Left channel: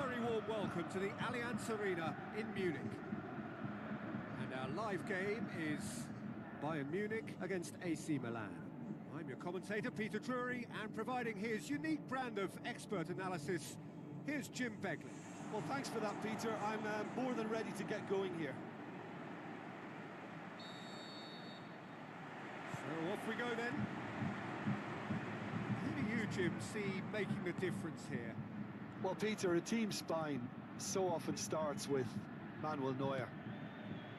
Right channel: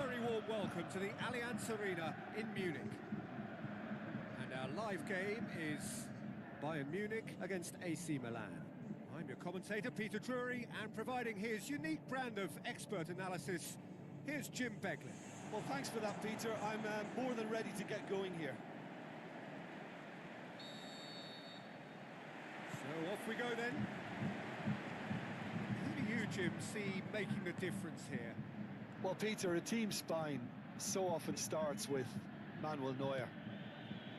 very warm welcome to the Allianz Arena in Munich. And our live game is Bayern Munich against AC Milan. I'm your commentator, Peter Drury, and providing his unique brand of expert analysis, here's Jim Beglin. Well, thanks for that, Peter. I'm more than ready to get going here. So off we go then. Who do you, Jim, see making the difference here? Well, Peter, a team spine so often starts with Manuel Neuer.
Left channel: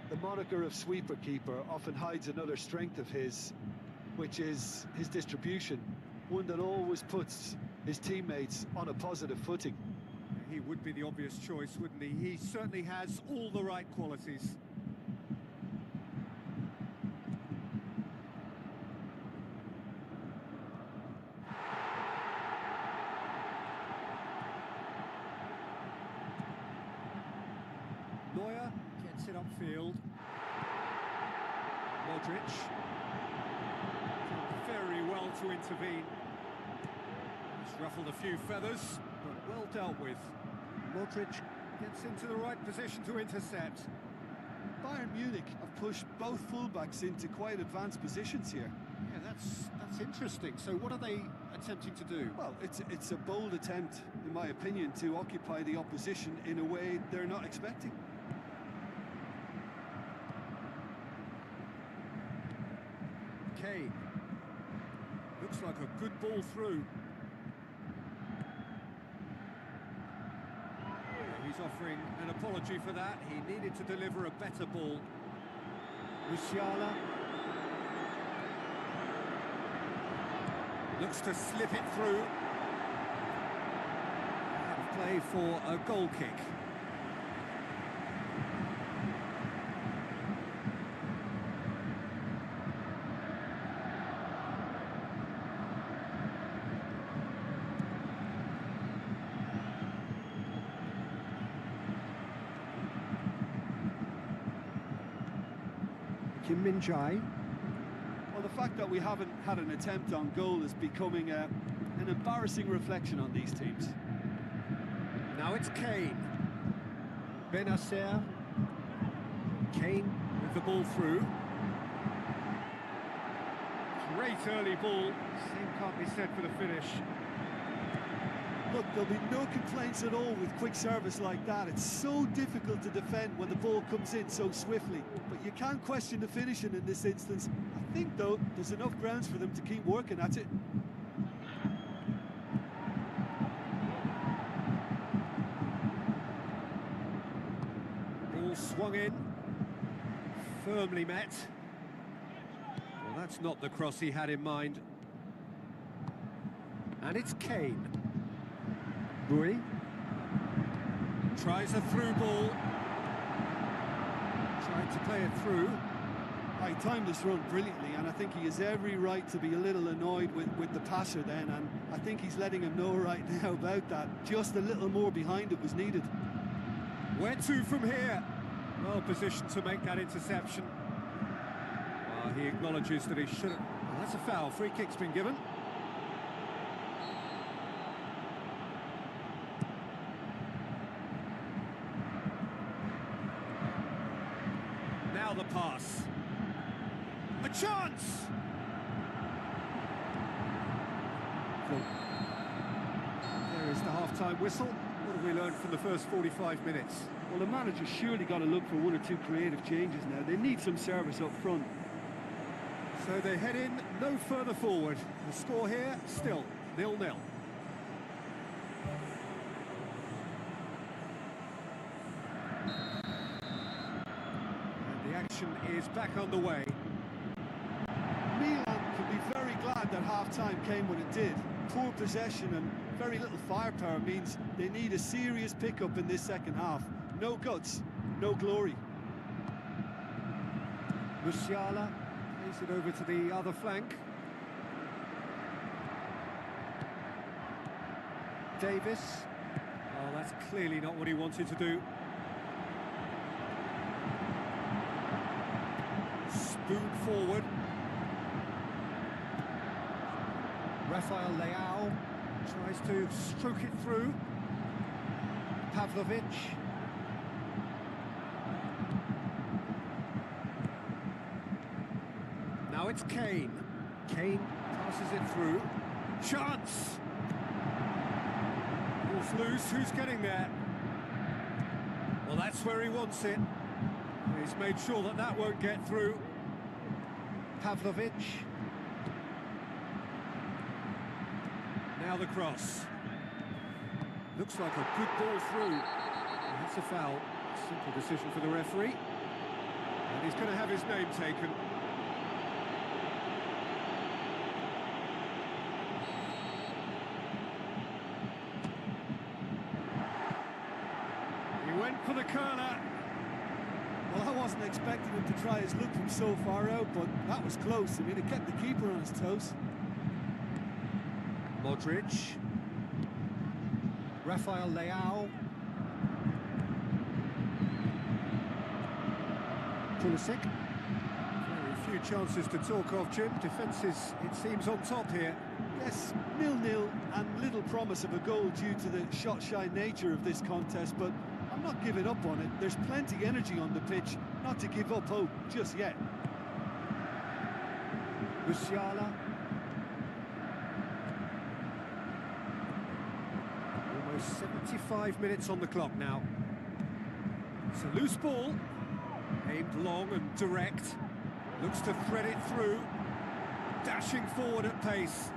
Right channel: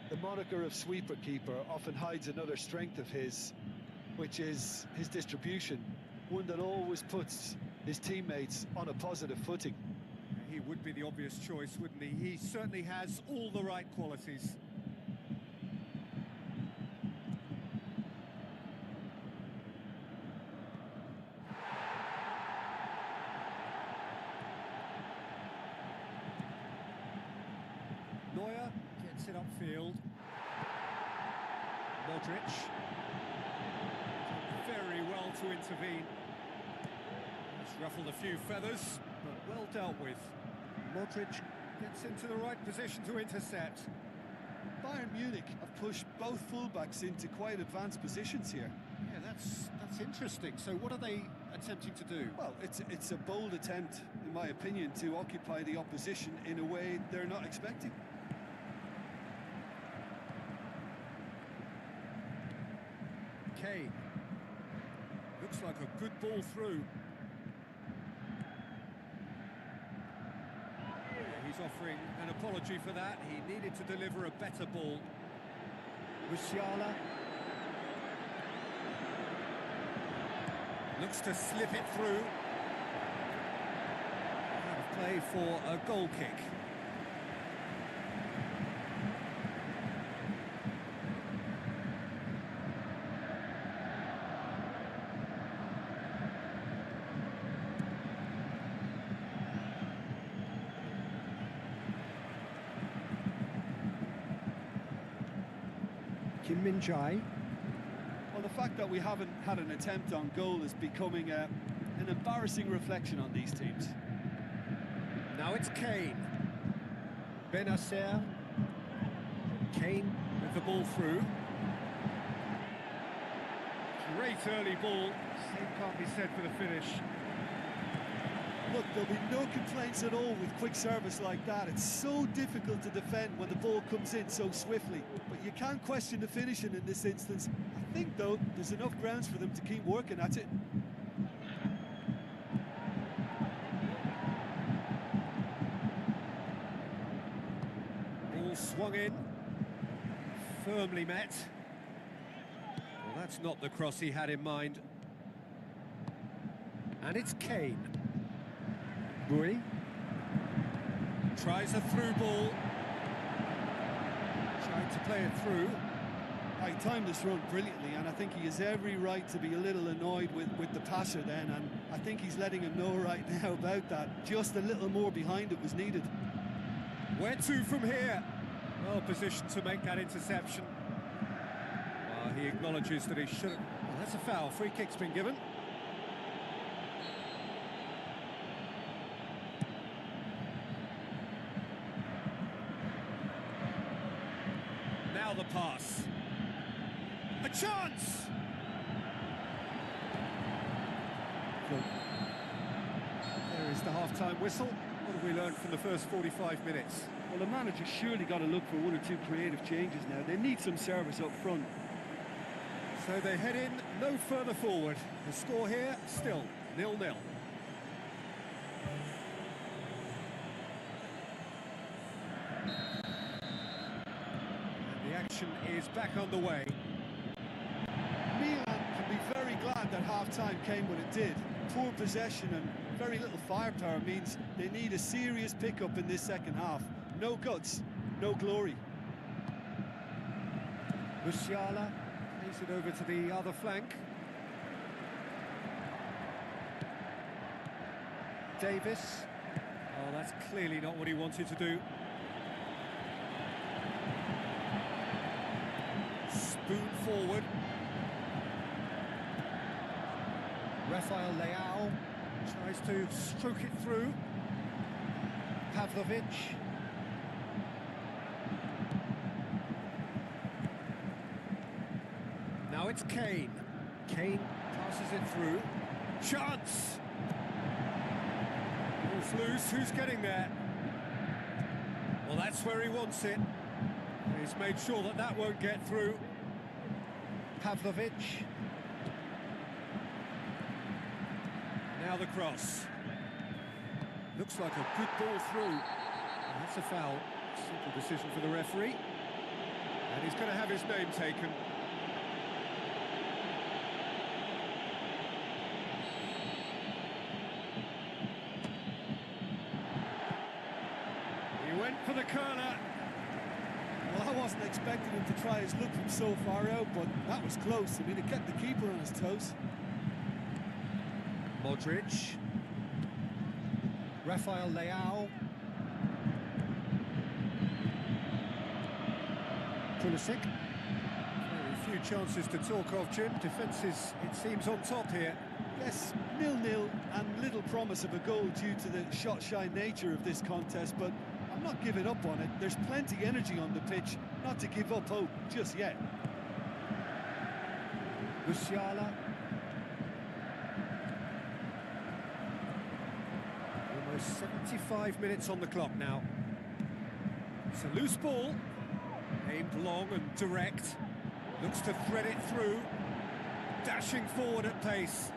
The moniker of sweeper keeper often hides another strength of his, which is his distribution, one that always puts his teammates on a positive footing. He would be the obvious choice, wouldn't he? He certainly has all the right qualities. Neuer gets it upfield. Modric did very well to intervene. He's ruffled a few feathers, but well dealt with. Modric gets into the right position to intercept. Bayern Munich have pushed both fullbacks into quite advanced positions here. Yeah, that's interesting. So what are they attempting to do? Well, it's a bold attempt, in my opinion, to occupy the opposition in a way they're not expecting. Kane. Looks like a good ball through. Yeah, he's offering an apology for that. He needed to deliver a better ball. Musiala. Looks to slip it through. Out of play for a goal kick. Kim Min-jae. Well, the fact that we haven't had an attempt on goal is becoming an embarrassing reflection on these teams. Now it's Kane. Benacer. Kane with the ball through. Great early ball. Same can't be said for the finish. Look, there'll be no complaints at all with quick service like that. It's so difficult to defend when the ball comes in so swiftly. But you can't question the finishing in this instance. I think, though, there's enough grounds for them to keep working at it. Ball swung in. Firmly met. Well, that's not the cross he had in mind. And it's Kane. Bui tries a through ball. Tried to play it through. He timed this run brilliantly, and I think he has every right to be a little annoyed with the passer then, and I think he's letting him know right now about that. Just a little more behind it was needed. Where to from here? Well positioned to make that interception. Well, he acknowledges that he should have... Well, that's a foul. Free kick's been given. Now the pass. A chance! There is the half-time whistle. What have we learned from the first 45 minutes? Well, the manager's surely got to look for one or two creative changes now. They need some service up front. So they head in no further forward. The score here, still 0-0. The action is back on the way. Milan can be very glad that half-time came when it did. Poor possession and very little firepower means they need a serious pickup in this second half. No guts, no glory. Musiala plays it over to the other flank. Davis. Oh, that's clearly not what he wanted to do. Spoon forward. Rafael Leao tries to stroke it through. Pavlovic. Now it's Kane. Kane passes it through. Chance! Ball's loose, who's getting there? Well, that's where he wants it. He's made sure that that won't get through. Pavlovic. Now the cross. Looks like a good ball through. That's a foul. Simple decision for the referee. And he's going to have his name taken. He went for the curler. Well, I wasn't expecting him to try his luck from so far out, but that was close. I mean, it kept the keeper on his toes. Modric. Rafael Leao. Pulisic. Very few chances to talk of, Jim. Defence is, it seems, on top here. Yes, 0-0 and little promise of a goal due to the shot-shy nature of this contest, but I'm not giving up on it. There's plenty energy on the pitch, not to give up hope just yet. Musiala. Almost 75 minutes on the clock now. It's a loose ball, aimed long and direct. Looks to thread it through, dashing forward at pace.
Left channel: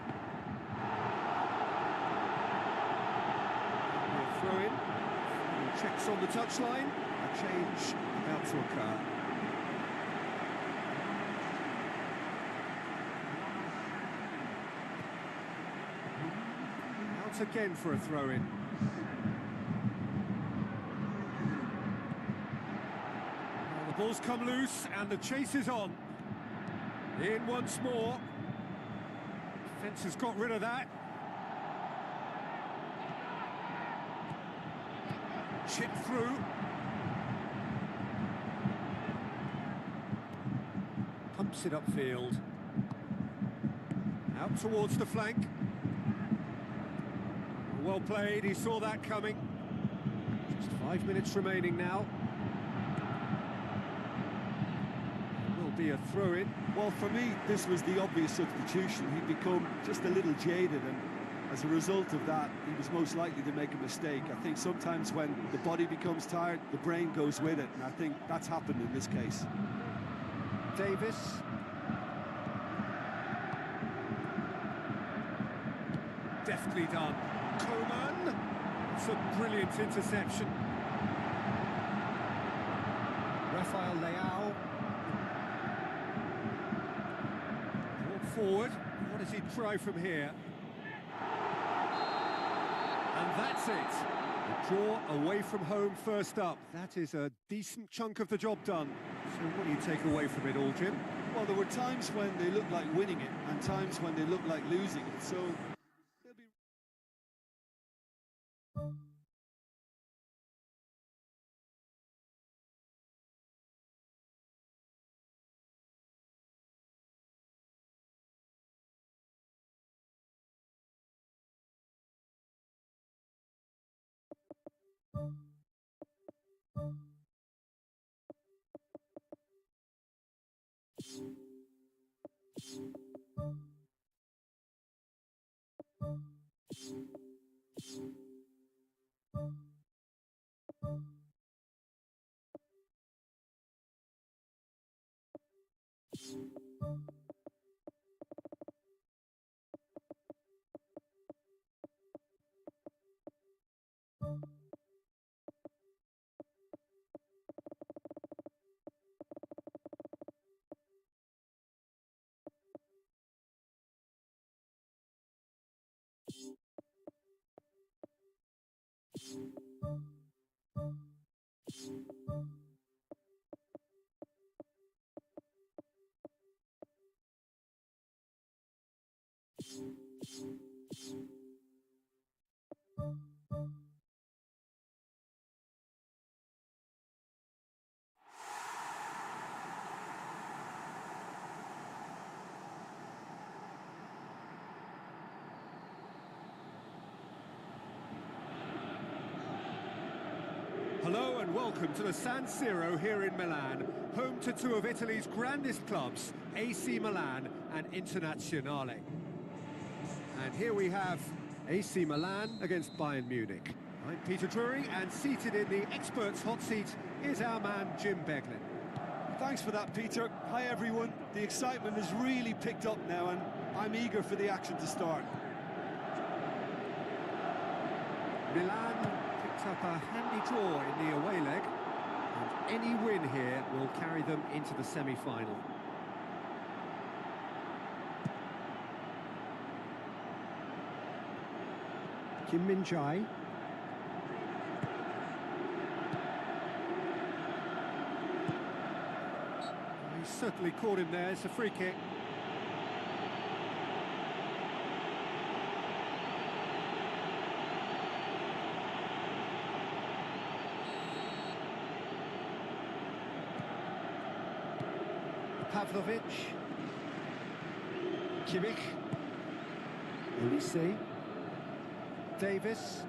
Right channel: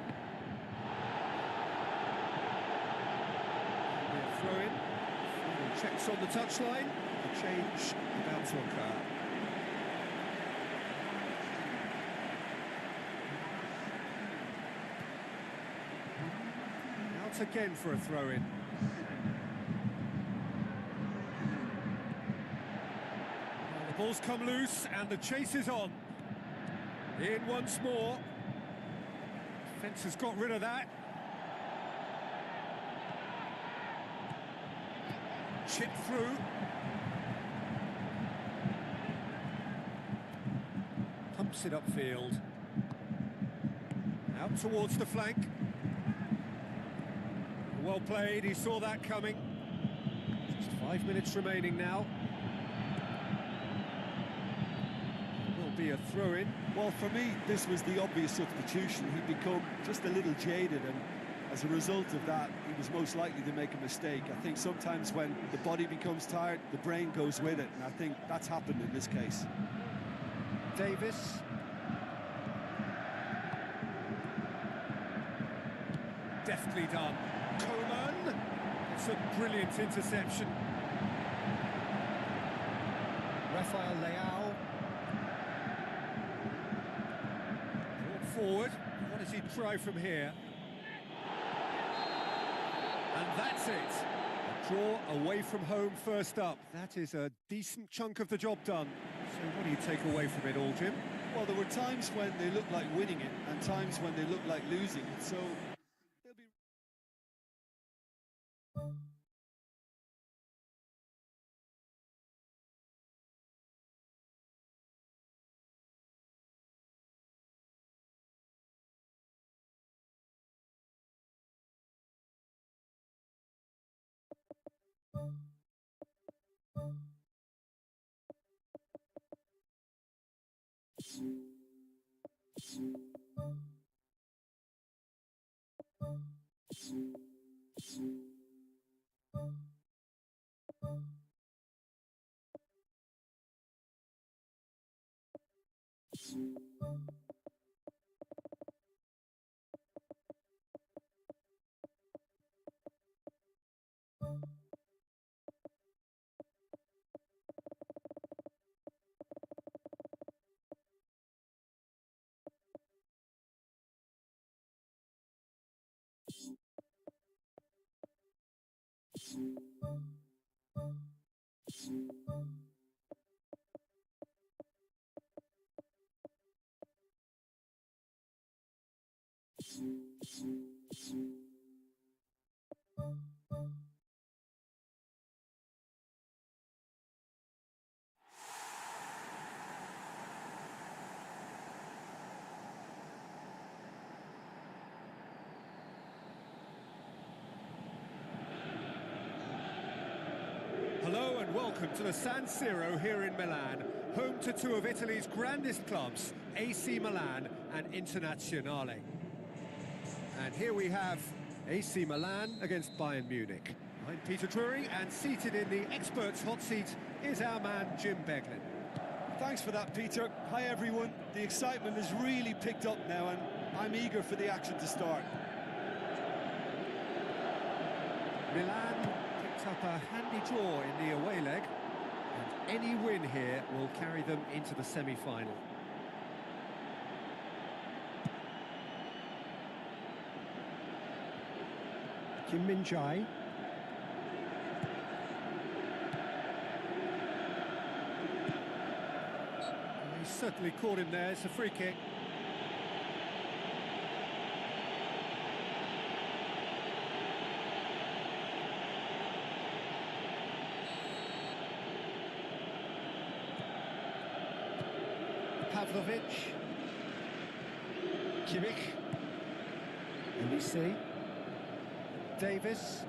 Be a throw-in. Final checks on the touchline. A change about to occur. Out again for a throw-in. Well, the ball's come loose and the chase is on. In once more. Defence has got rid of that. Chip through. Pumps it upfield. Out towards the flank. Well played, he saw that coming. Just 5 minutes remaining now. Will be a throw-in. Well, for me, this was the obvious substitution. He'd become just a little jaded, and as a result of that, he was most likely to make a mistake. I think sometimes when the body becomes tired, the brain goes with it, and I think that's happened in this case. Davis. Deftly done. Coman. It's a brilliant interception. Rafael Leao. Brought forward. What does he try from here? And that's it. A draw away from home first up. That is a decent chunk of the job done. So what do you take away from it all, Jim? Well, there were times when they looked like winning it and times when they looked like losing it. So they'll be... Hello and welcome to the San Siro here in Milan, home to two of Italy's grandest clubs, AC Milan and Internazionale. And here we have AC Milan against Bayern Munich. I'm Peter Drury, and seated in the experts' hot seat is our man Jim Beglin. Thanks for that, Peter. Hi, everyone. The excitement has really picked up now, and I'm eager for the action to start. Milan picked up a handy draw in the away leg, and any win here will carry them into the semi-final. Kim Min-jae. He certainly caught him there. It's a free kick. Pavlovic. Kimmich. Elise. Davis.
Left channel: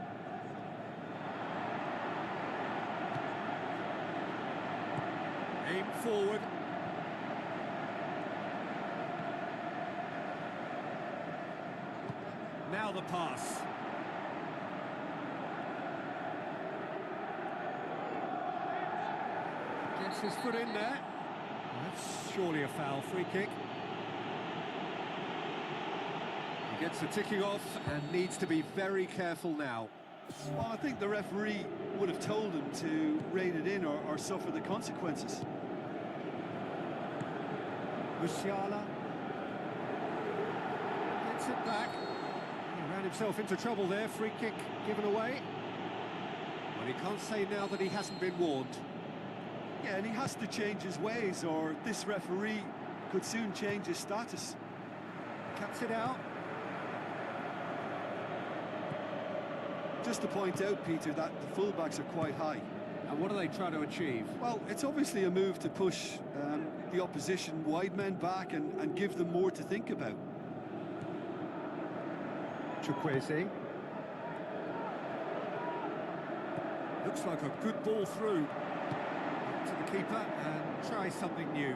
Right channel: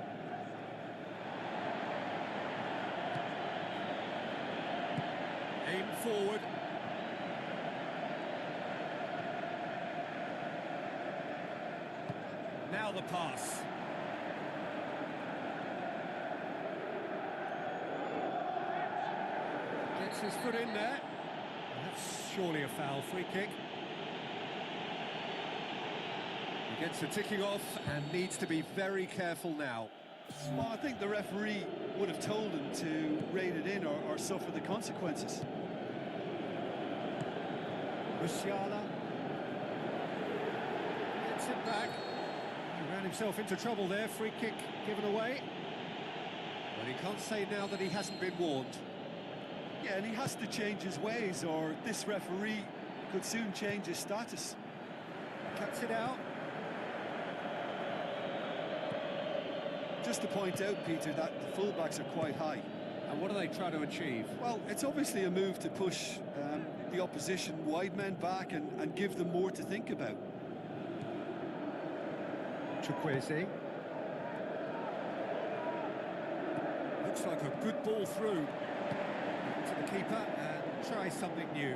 Aim forward. Now the pass. Gets his foot in there. That's surely a foul. Free kick. He gets the ticking off and needs to be very careful now. Well, I think the referee would have told him to rein it in or suffer the consequences. Musiala gets it back. He ran himself into trouble there. Free kick given away. Well, he can't say now that he hasn't been warned. Yeah, and he has to change his ways, or this referee could soon change his status. Cuts it out. Just to point out, Peter, that the fullbacks are quite high. And what are they trying to achieve? Well, it's obviously a move to push the opposition wide men back and give them more to think about. Chukwueze. Looks like a good ball through to the keeper and try something new.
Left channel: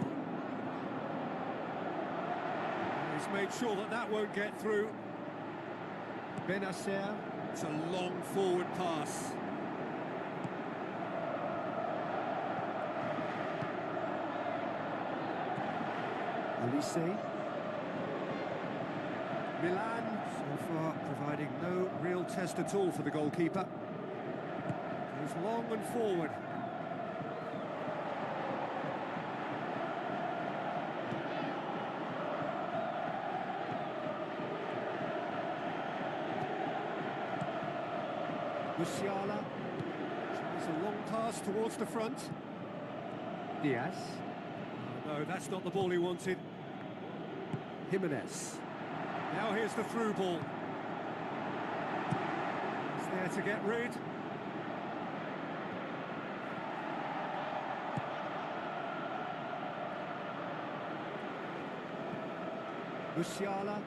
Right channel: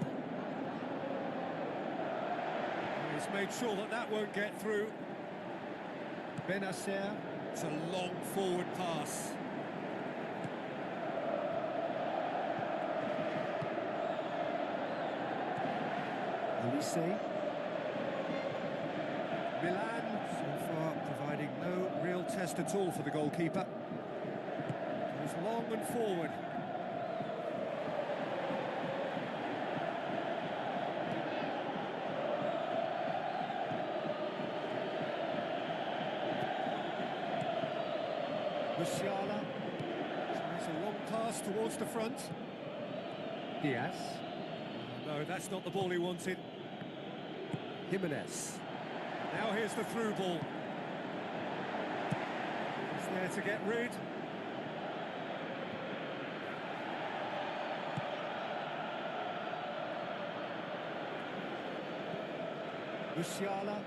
He's made sure that that won't get through. Benacer. It's a long forward pass. Elise. Milan, so far, providing no real test at all for the goalkeeper. Goes long and forward. Musiala tries a long pass towards the front. Diaz. Oh, no, that's not the ball he wanted. Jimenez. Now here's the through ball. He's there to get rid. Musiala.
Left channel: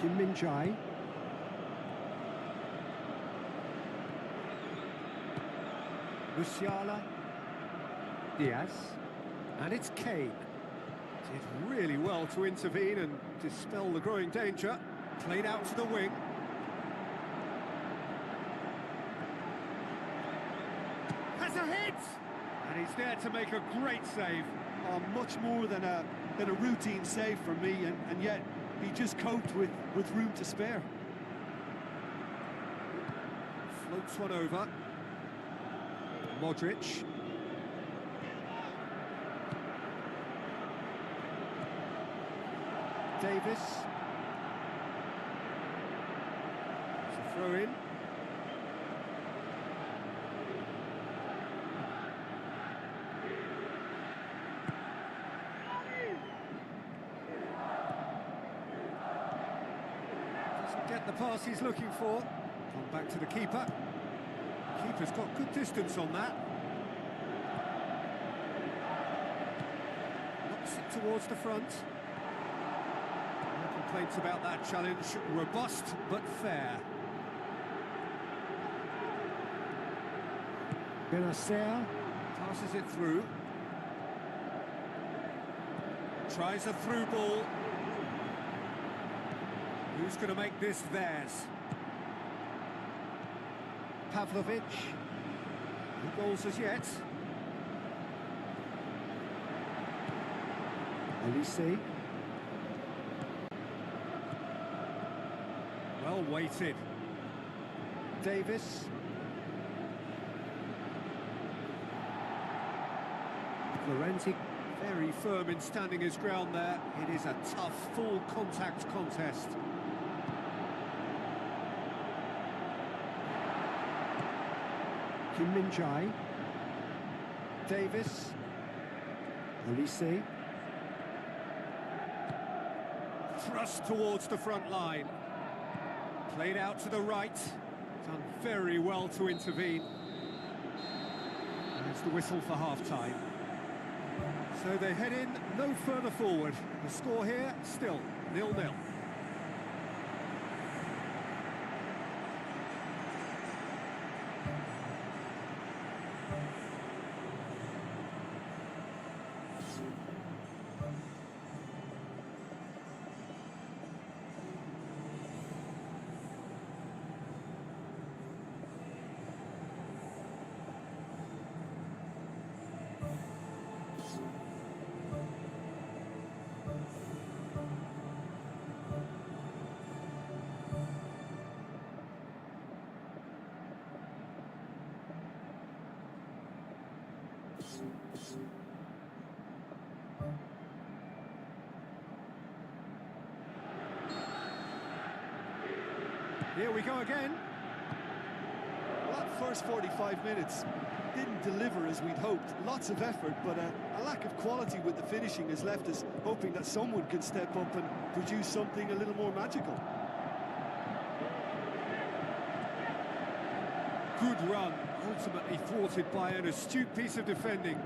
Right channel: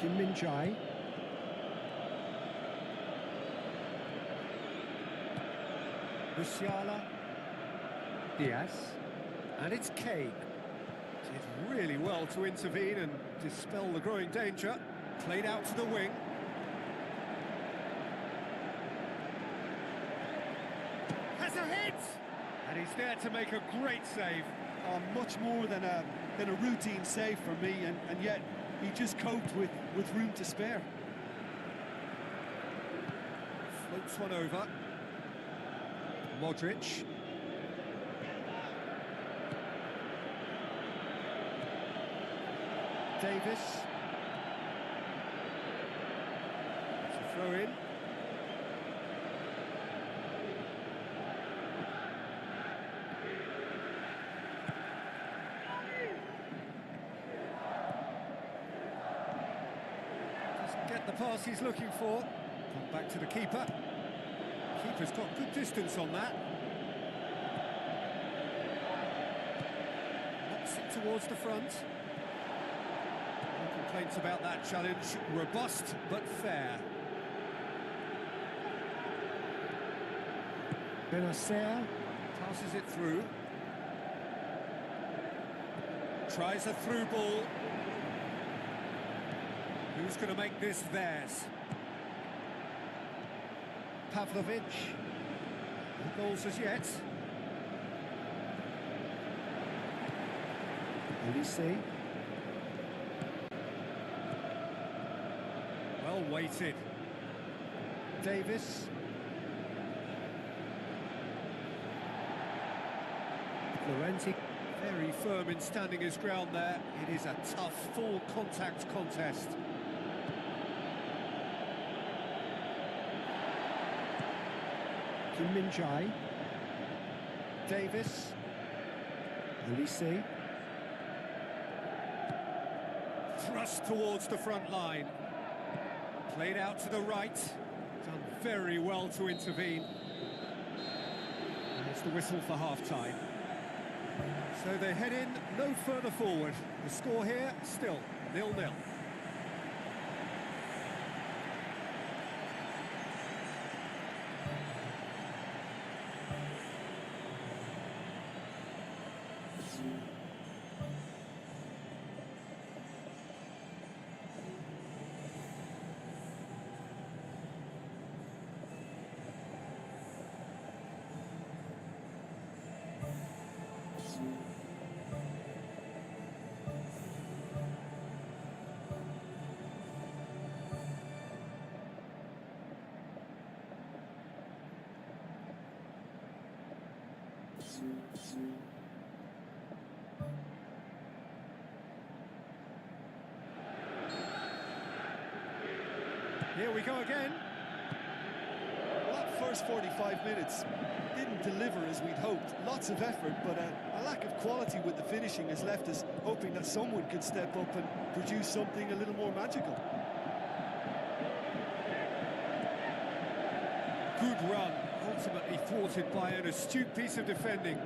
Kim Min-jae. Musiala. Diaz. And it's Kane. Did really well to intervene and dispel the growing danger. Played out to the wing. Has a hit! And he's there to make a great save. Much more than a routine save for me, and yet he just coped with room to spare. Floats one over. Modric. Davis. It's a throw in. Doesn't get the pass he's looking for. Come back to the keeper. Keeper's got good distance on that. Knocks it towards the front. Local complaints about that challenge. Robust but fair. Benacer passes it through. Tries a through ball. Who's going to make this theirs? Pavlovic. No goals as yet. Elise. Well weighted. Davis. Florenzi very firm in standing his ground there. It is a tough, full contact contest. Kim Min-jae. Davis. Elise. Thrust towards the front line. Played out to the right. Done very well to intervene. There's the whistle for half-time. So they head in no further forward. The score here, still 0-0. Here we go again. Well, that first 45 minutes didn't deliver as we'd hoped. Lots of effort, but a lack of quality with the finishing has left us hoping that someone can step up and produce something a little more magical. Good run, ultimately thwarted by an astute piece of defending.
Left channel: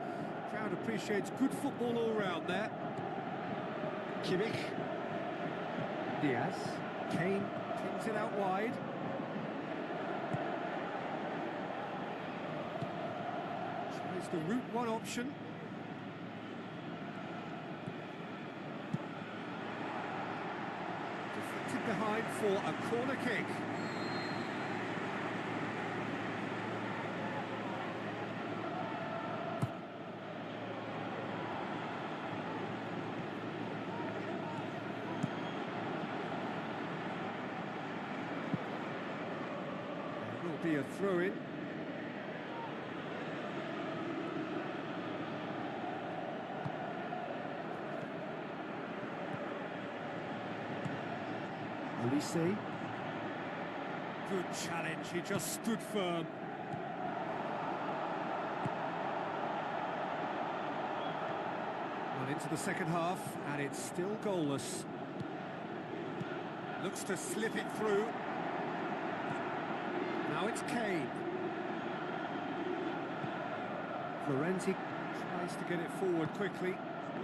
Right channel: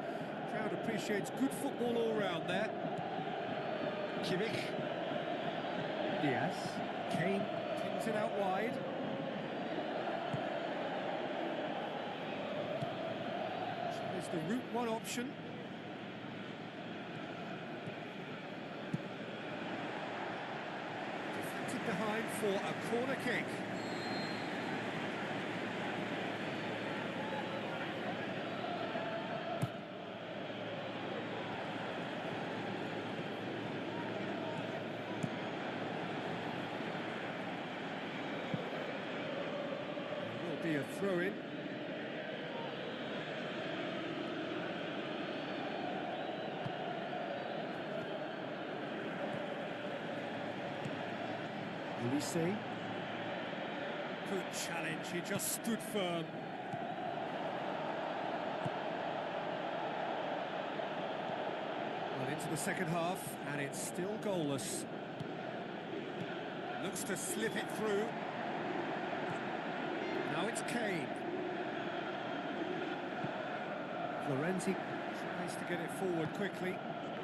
Crowd appreciates good football all round there. Kimmich. Diaz. Kane pings it out wide. Tries the route one option. Deflected behind for a corner kick. Be a throw-in. Elise. Good challenge, he just stood firm. Well, into the second half, and it's still goalless. Looks to slip it through. Now it's Kane. Florenzi tries to get it forward quickly.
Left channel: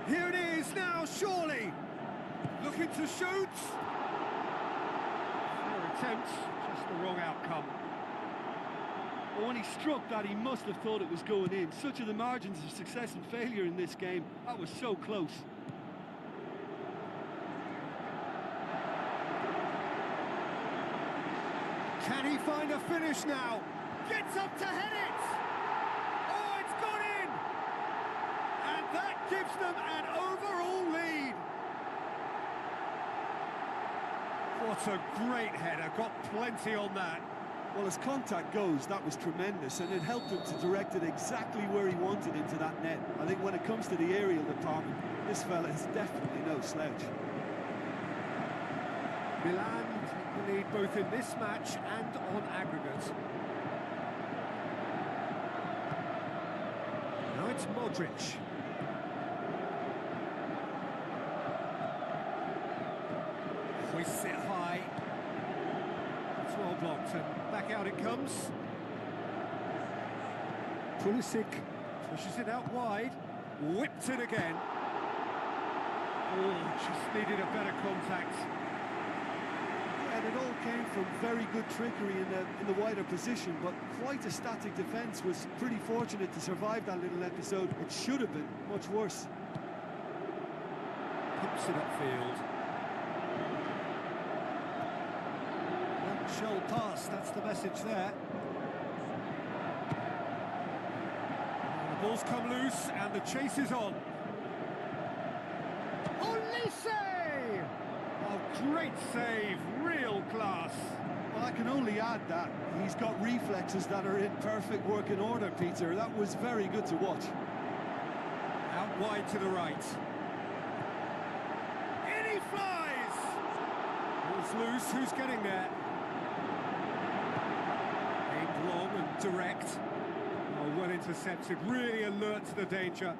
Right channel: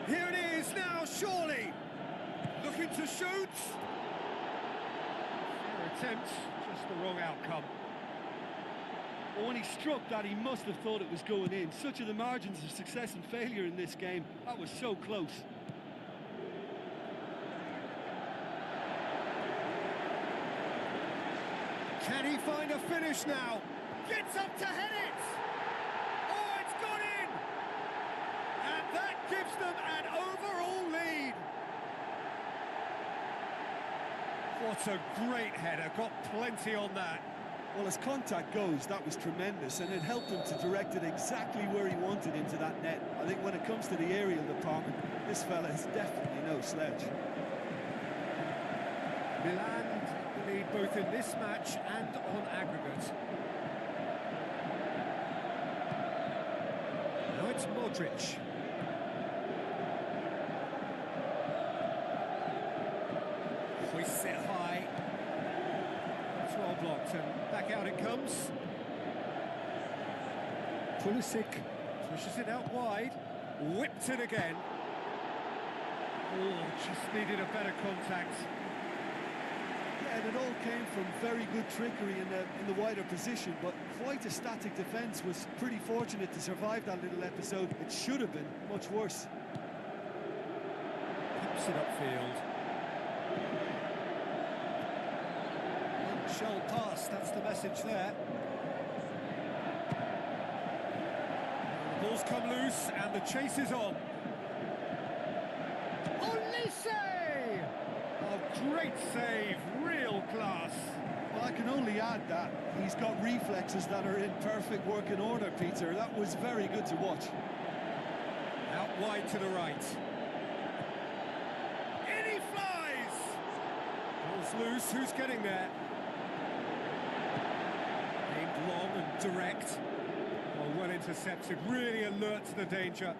Here it is now, surely! Looking to shoot! Fair attempt, just the wrong outcome. Well, when he struck that, he must have thought it was going in. Such are the margins of success and failure in this game. That was so close. Can he find a finish now? Gets up to head it! Oh, it's gone in! And that gives them an overall lead. What a great header, got plenty on that. Well, as contact goes, that was tremendous, and it helped him to direct it exactly where he wanted into that net. I think when it comes to the aerial department, this fella is definitely no slouch. Milan take the lead both in this match and on aggregate. Now it's Modric. Hoists it high. It's well blocked and back out it comes. Pulisic pushes it out wide. Whipped it again. Oh, just needed a better contact. Yeah, and it all came from very good trickery in the wider position, but quite a static defence. Was pretty fortunate to survive that little episode. It should have been much worse. Pumps it upfield. One shall pass, that's the message there. The ball's come loose and the chase is on. Olise! Oh, great save, real class. Well, I can only add that he's got reflexes that are in perfect working order, Peter. That was very good to watch. Out wide to the right. In he flies! Ball's loose, who's getting there? Aimed long and direct. Oh, well intercepted, really alert to the danger.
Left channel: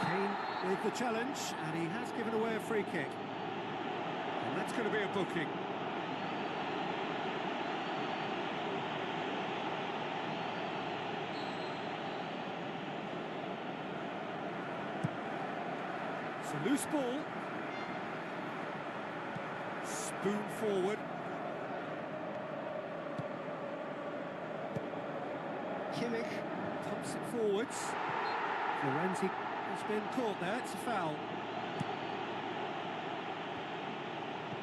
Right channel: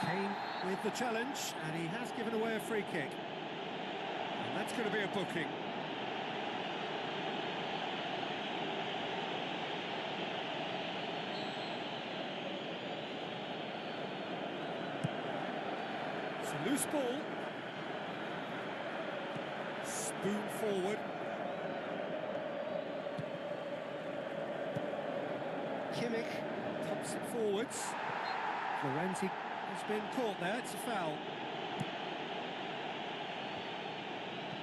Kane with the challenge, and he has given away a free kick. And that's going to be a booking. It's a loose ball. Spoon forward. Kimmich pumps it forwards. Florenzi has been caught there, it's a foul.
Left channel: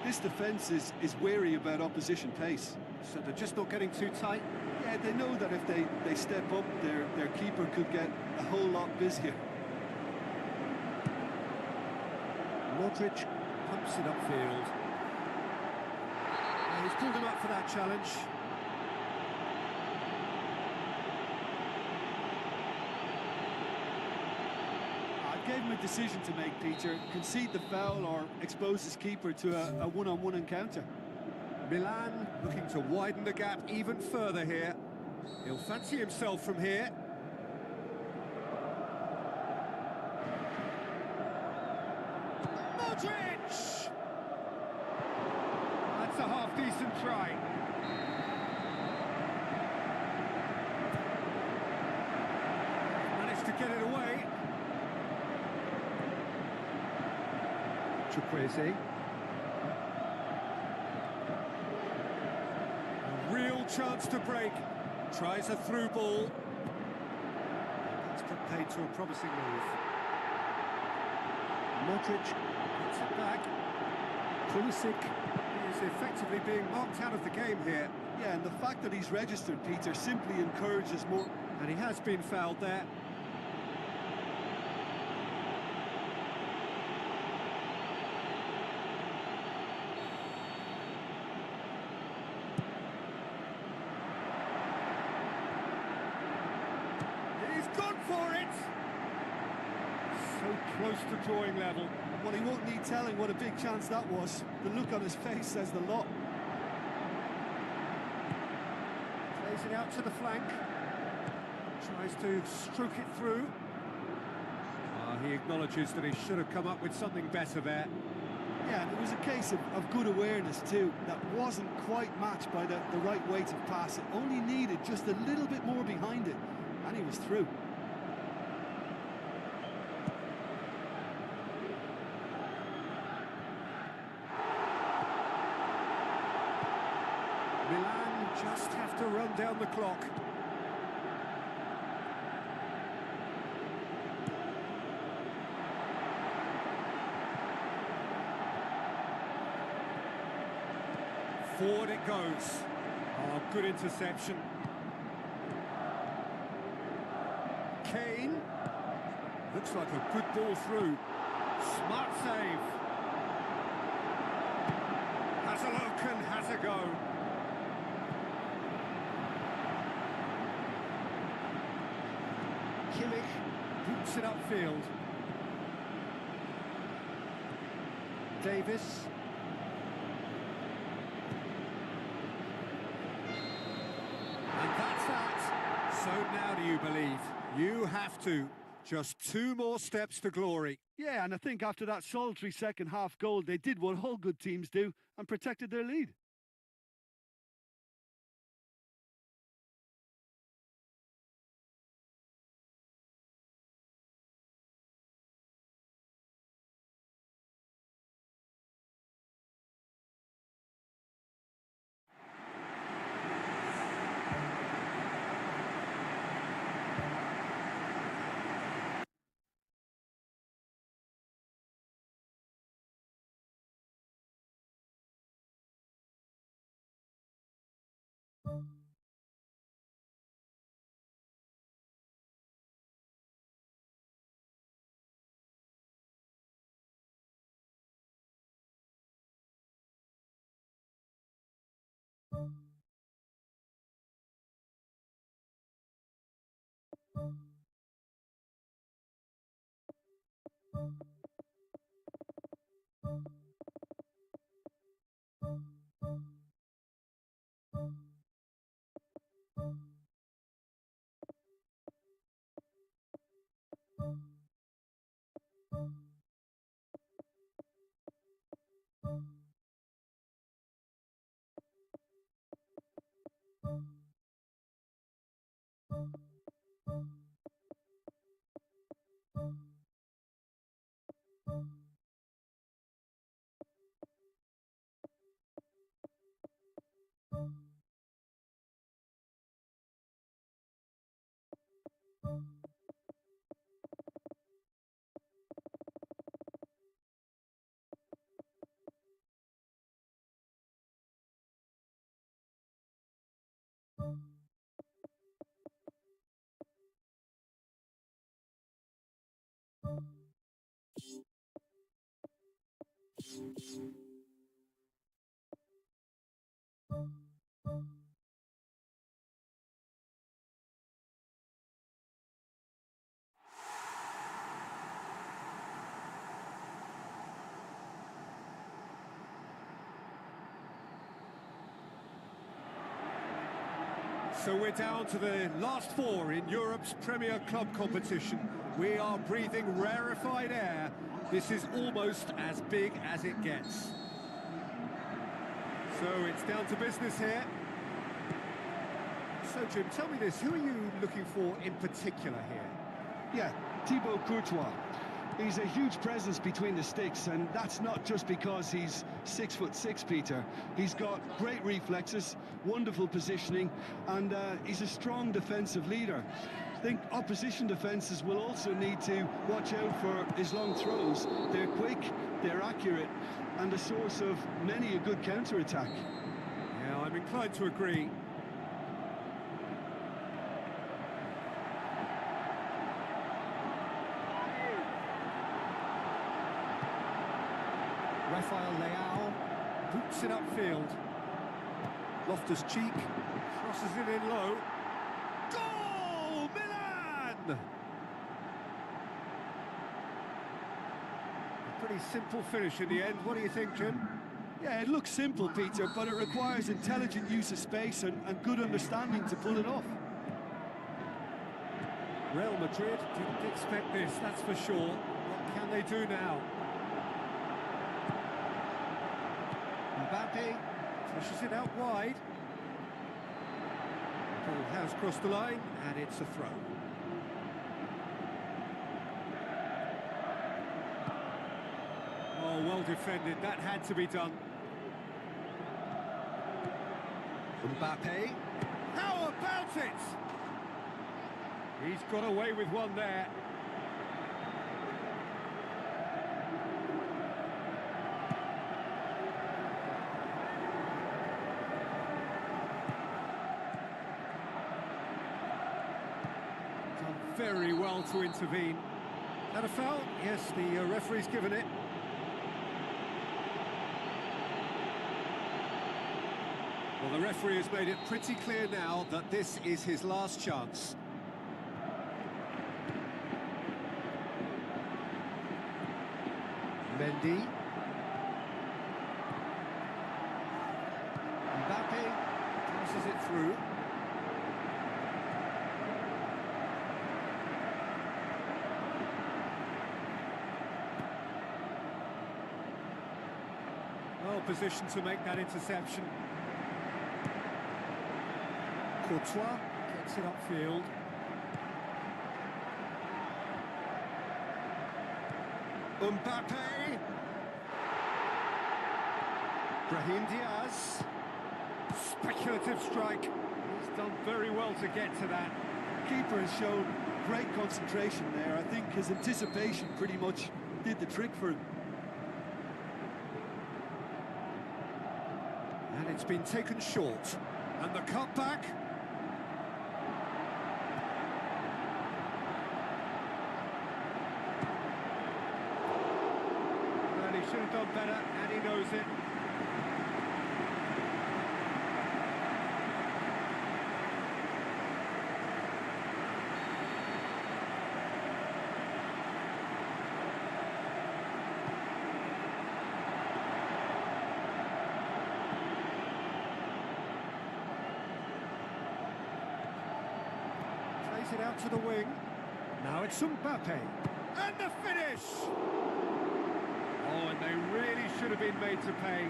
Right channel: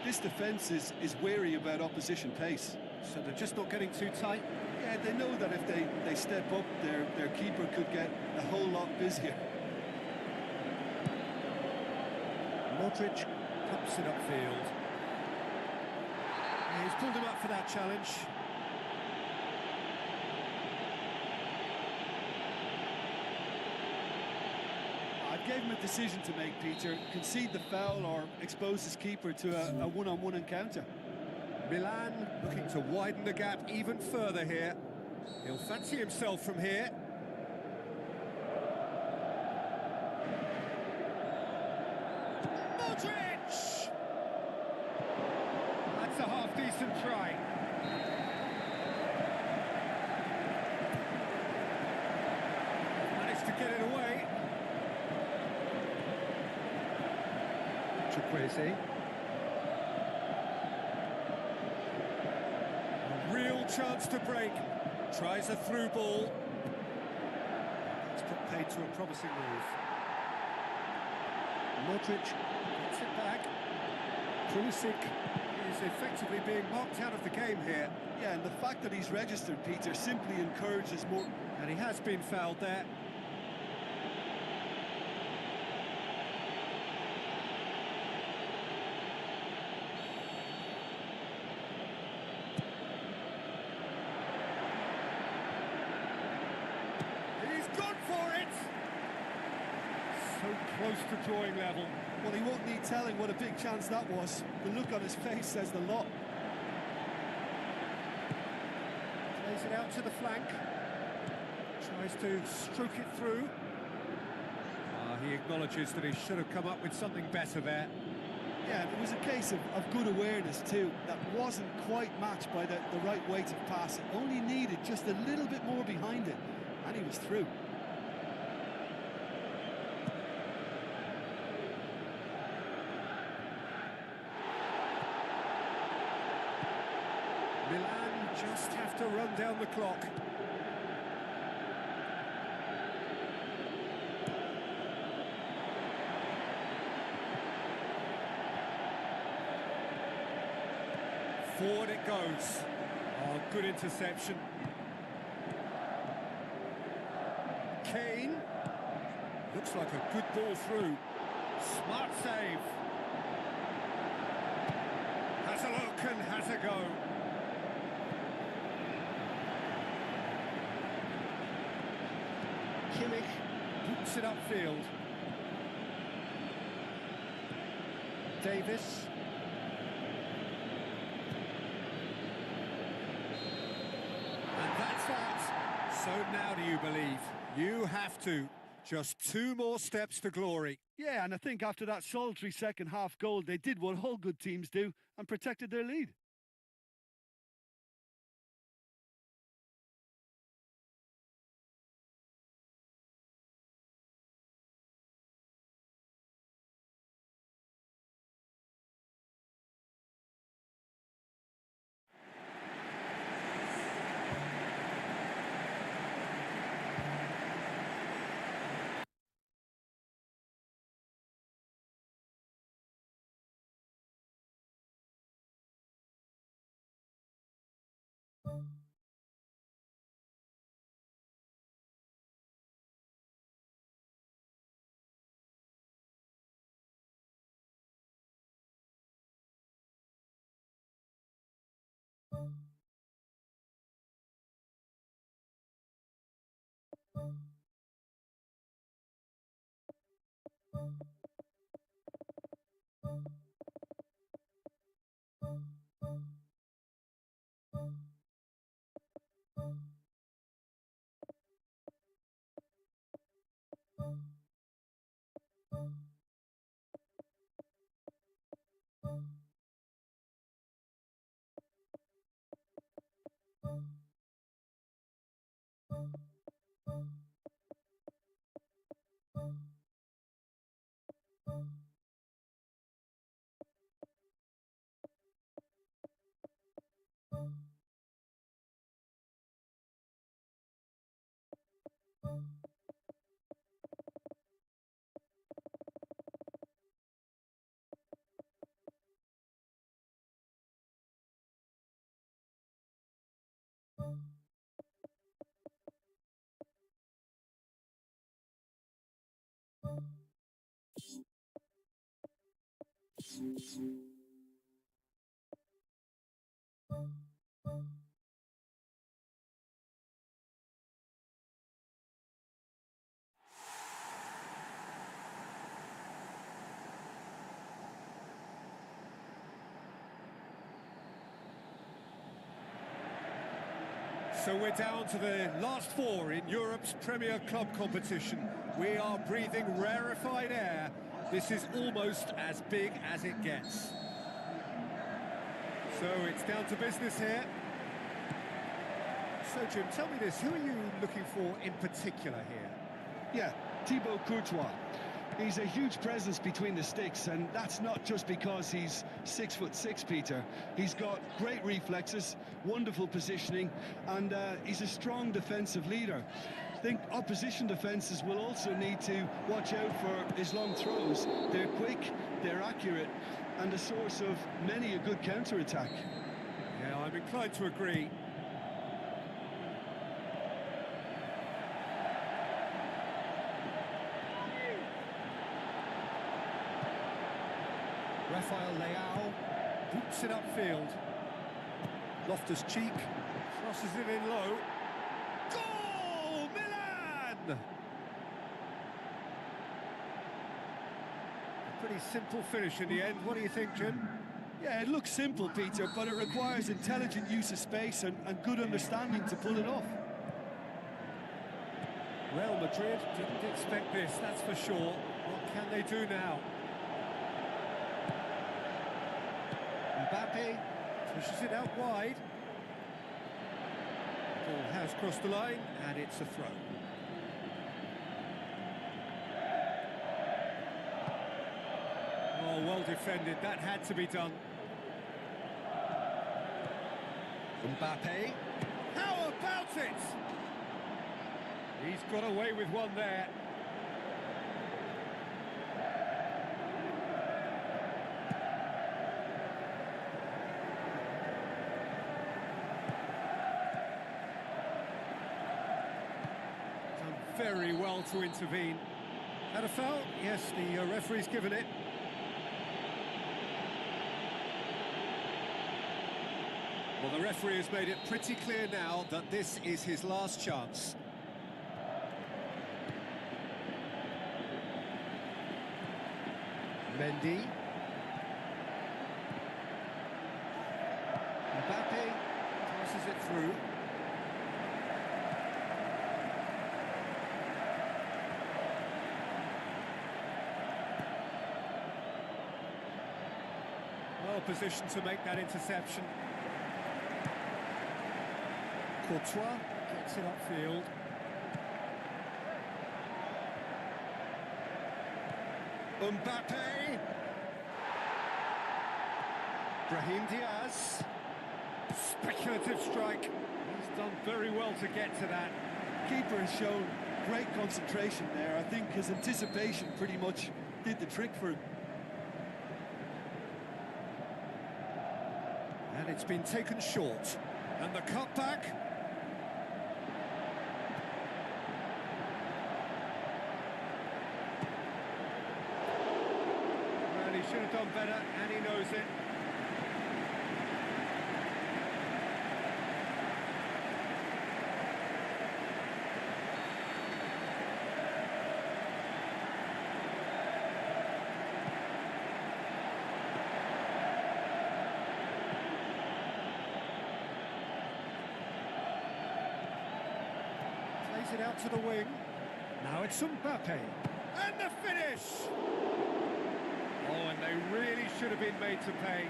This defence is wary about opposition pace. So they're just not getting too tight? Yeah, they know that if they step up, their keeper could get a whole lot busier. Madrid pumps it upfield. Yeah, he's pulled him up for that challenge. I gave him a decision to make, Peter. Concede the foul or expose his keeper to a one-on-one encounter. Milan looking to widen the gap even further here. He'll fancy himself from here. Modric! That's a half-decent try. Managed to get it away. Chukwueze. A real chance to break. Tries a through ball. That's put paid to a promising move. Modric gets it back. Pulisic is effectively being marked out of the game here. Yeah, and the fact that he's registered, Peter, simply encourages more. And he has been fouled there. He's gone for it! So close to drawing level. Well, he won't need telling what a big chance that was. The look on his face says the lot. Plays it out to the flank. Tries to stroke it through. He acknowledges that he should have come up with something better there. Yeah, and it was a case of good awareness too. That wasn't quite matched by the right weight of pass. It only needed just a little bit more behind it, and he was through. Milan just have to run down the clock. Forward it goes. Oh, good interception. Kane. Looks like a good ball through. Smart save. Has a look and has a go. Kimmich boots it upfield. Davis. And that's that. So now do you believe? You have to. Just 2 more steps to glory. Yeah, and I think after that solitary second-half goal, they did what all good teams do and protected their lead. So we're down to the last four in Europe's Premier Club competition. We are breathing rarefied air. This is almost as big as it gets. So it's down to business here. So Jim, tell me this, who are you looking for in particular here? Yeah, Thibaut Courtois. He's a huge presence between the sticks, and that's not just because he's 6'6", Peter. He's got great reflexes, wonderful positioning, and he's a strong defensive leader. I think opposition defences will also need to watch out for his long throws. They're quick, they're accurate, and a source of many a good counter-attack. Yeah, I'm inclined to agree. Rafael Leao boots it upfield. Loftus-Cheek crosses it in low. Goal! Milan! A pretty simple finish in the end. What do you think, Jim? Yeah, it looks simple, Peter, but it requires intelligent use of space and good understanding to pull it off. Real Madrid didn't expect this, that's for sure. What can they do now? Mbappe pushes it out wide. The ball has crossed the line, and it's a throw. Oh, well defended. That had to be done. Mbappe. How about it? He's got away with one there. Very well to intervene. Had a foul? Yes, the referee's given it. Well, the referee has made it pretty clear now that this is his last chance. Mendy. Mbappe passes it through. Well positioned to make that interception. Courtois gets it upfield. Mbappe. Brahim Diaz. Speculative strike. He's done very well to get to that. Keeper has shown great concentration there. I think his anticipation pretty much did the trick for him. And it's been taken short. And the cutback. Well, he should have done better, and he knows it. Plays it out to the wing. Now it's Mbappe. And the finish! Oh, and they really should have been made to pay.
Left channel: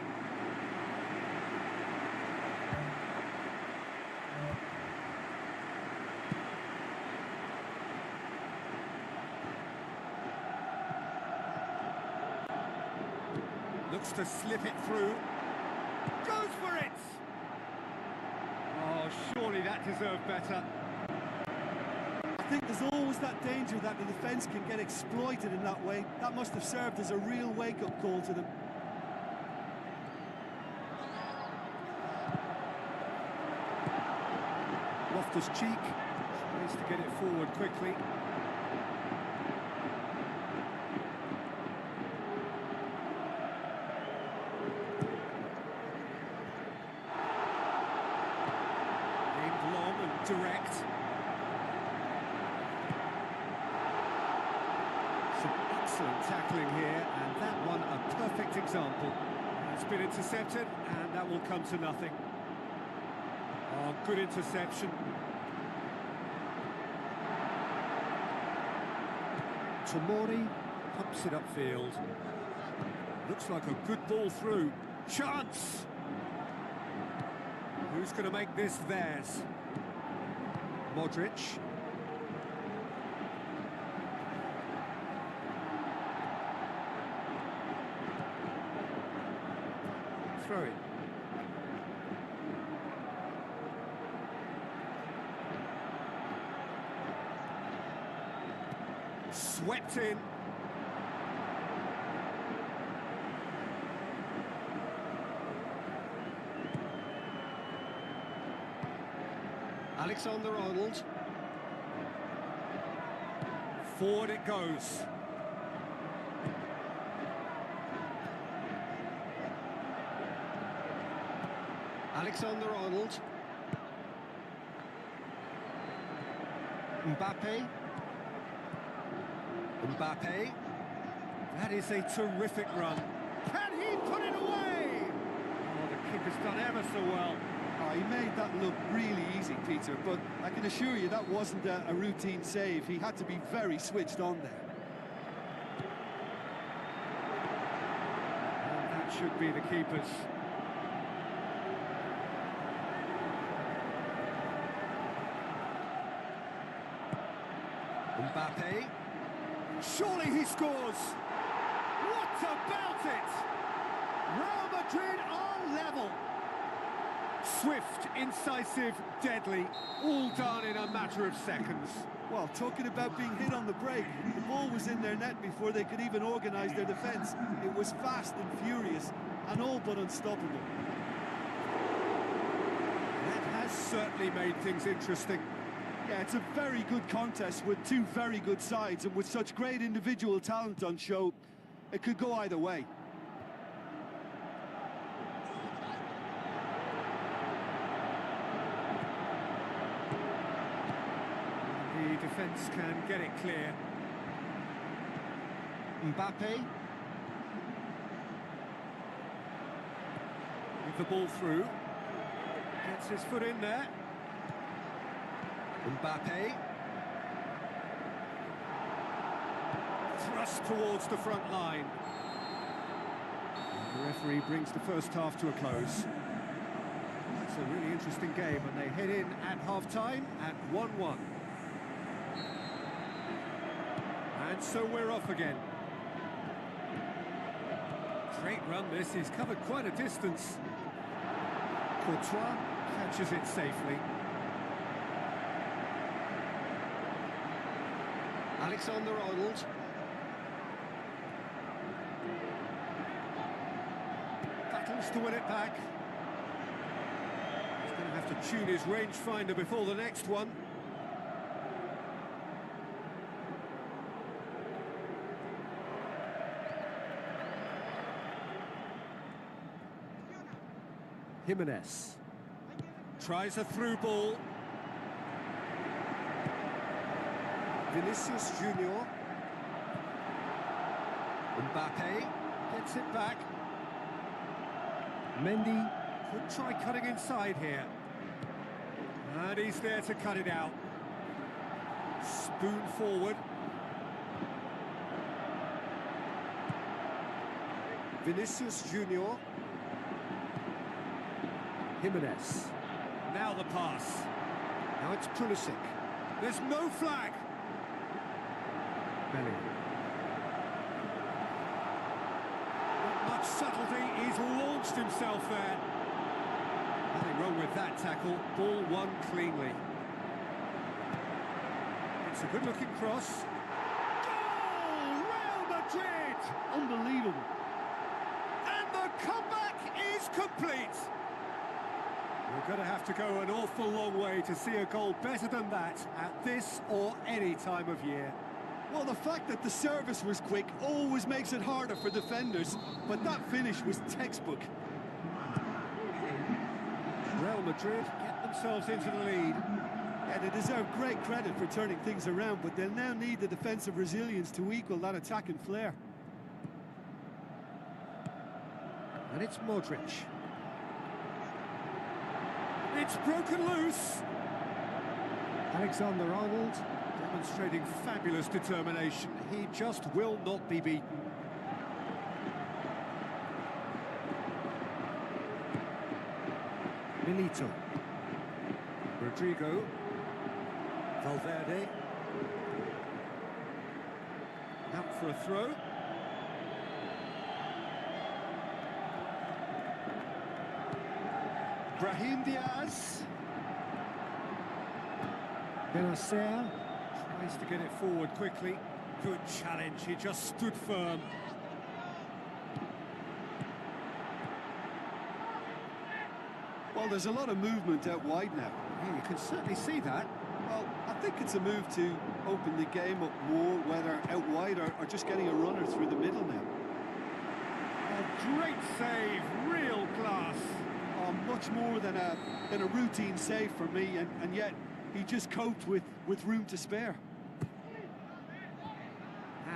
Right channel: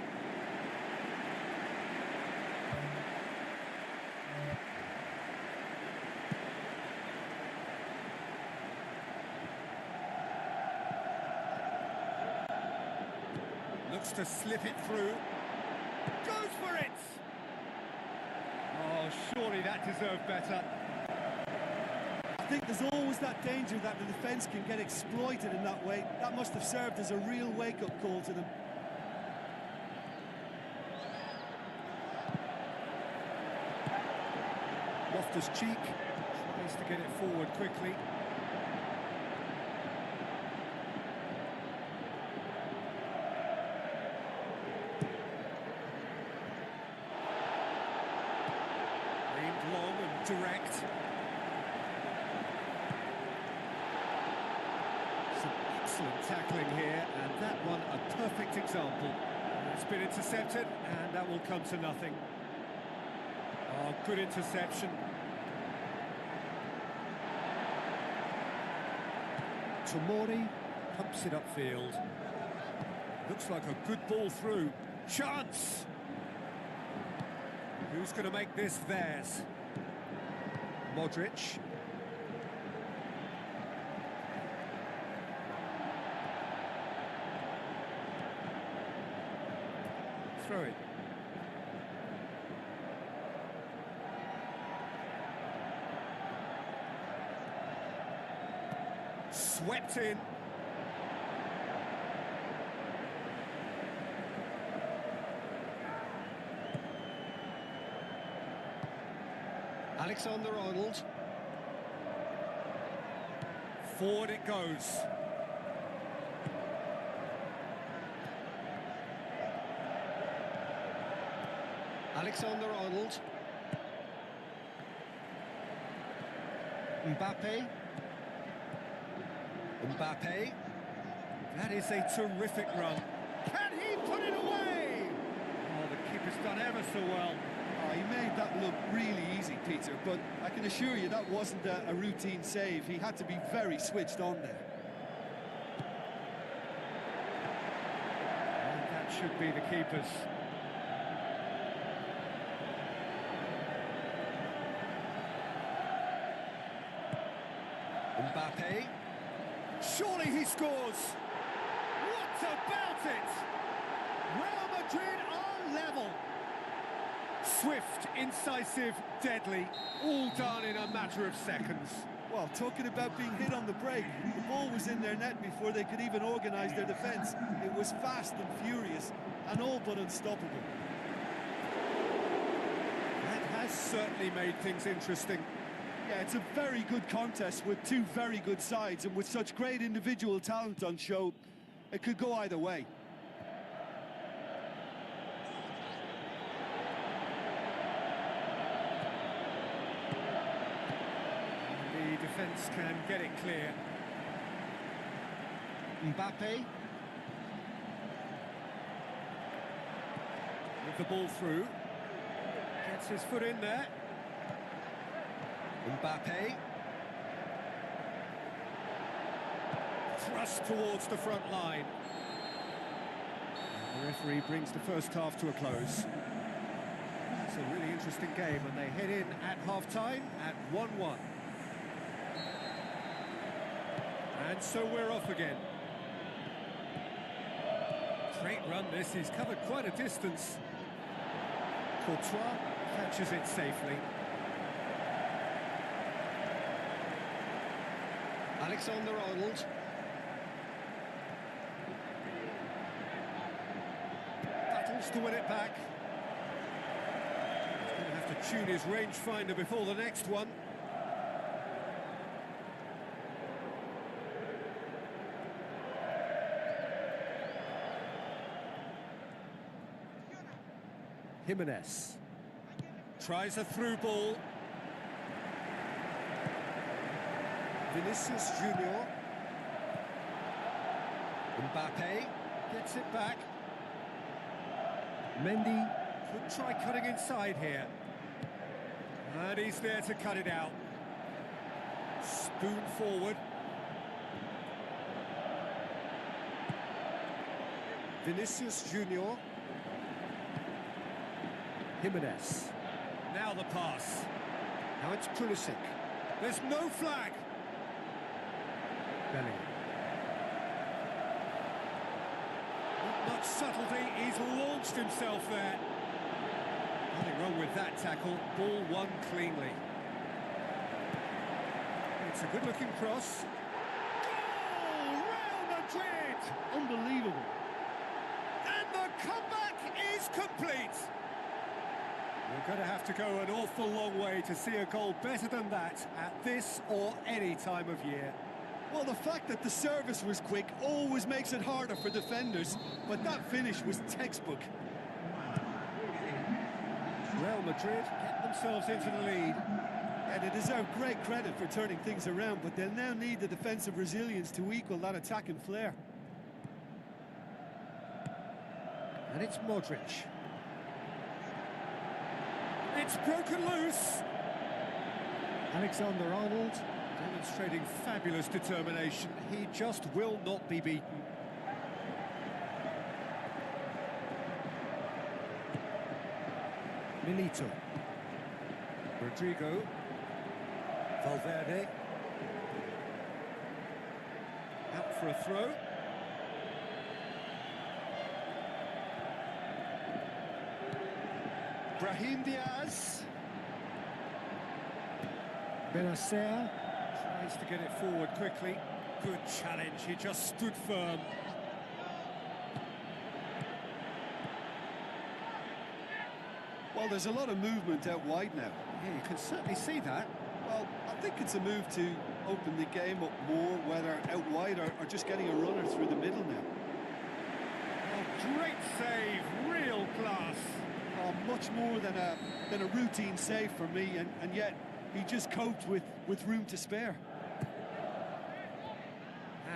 Looks to slip it through. Goes for it! Oh, surely that deserved better. I think there's always that danger that the defence can get exploited in that way. That must have served as a real wake-up call to them. Loftus-Cheek tries to get it forward quickly. Aimed long and direct. Some excellent tackling here, and that one a perfect example. It's been intercepted, and that will come to nothing. Oh, good interception. Tomori pumps it upfield. Looks like a good ball through. Chance! Who's going to make this theirs? Modric. Throw it. Swept in. Alexander-Arnold. Forward it goes. Alexander-Arnold. Mbappe. Mbappe. That is a terrific run. Can he put it away? Oh, the keeper's done ever so well. Oh, he made that look really easy, Peter, but I can assure you that wasn't a routine save. He had to be very switched on there. And that should be the keeper's. Mbappe. Surely he scores! What about it? Real Madrid are level. Swift, incisive, deadly, all done in a matter of seconds. Well, talking about being hit on the break, the ball was in their net before they could even organise their defence. It was fast and furious, and all but unstoppable. That has certainly made things interesting. Yeah, it's a very good contest with two very good sides, and with such great individual talent on show, it could go either way. The defence can get it clear. Mbappe. With the ball through. Gets his foot in there. Mbappe. Thrust towards the front line. And the referee brings the first half to a close. It's a really interesting game, and they head in at half-time at 1-1. And so we're off again. Great run this, he's covered quite a distance. Courtois catches it safely. Alexander-Arnold. Battles to win it back. He's going to have to tune his rangefinder before the next one. Jimenez tries a through ball. Vinicius Junior. Mbappe gets it back. Mendy could try cutting inside here. And he's there to cut it out. Spoon forward. Vinicius Junior. Jimenez. Now the pass. Now it's Pulisic. There's no flag. Bellingham. Not much subtlety, he's launched himself there. Nothing wrong with that tackle, ball won cleanly. It's a good-looking cross. Goal! Real Madrid! Unbelievable. And the comeback is complete. You're going to have to go an awful long way to see a goal better than that at this or any time of year. Well, the fact that the service was quick always makes it harder for defenders, but that finish was textbook. Real Madrid get themselves into the lead. Yeah, they deserve great credit for turning things around, but they'll now need the defensive resilience to equal that attacking flair. And it's Modric. It's broken loose. Alexander-Arnold demonstrating fabulous determination. He just will not be beaten. Milito. Rodrigo. Valverde. Out for a throw. Brahim Diaz. Benacer tries to get it forward quickly. Good challenge, he just stood firm. Well, there's a lot of movement out wide now. Yeah, you can certainly see that. Well, I think it's a move to open the game up more, whether out wide or just getting a runner through the middle now. Oh, great save, real class. Oh, much more than a routine save for me, and yet he just coped with room to spare.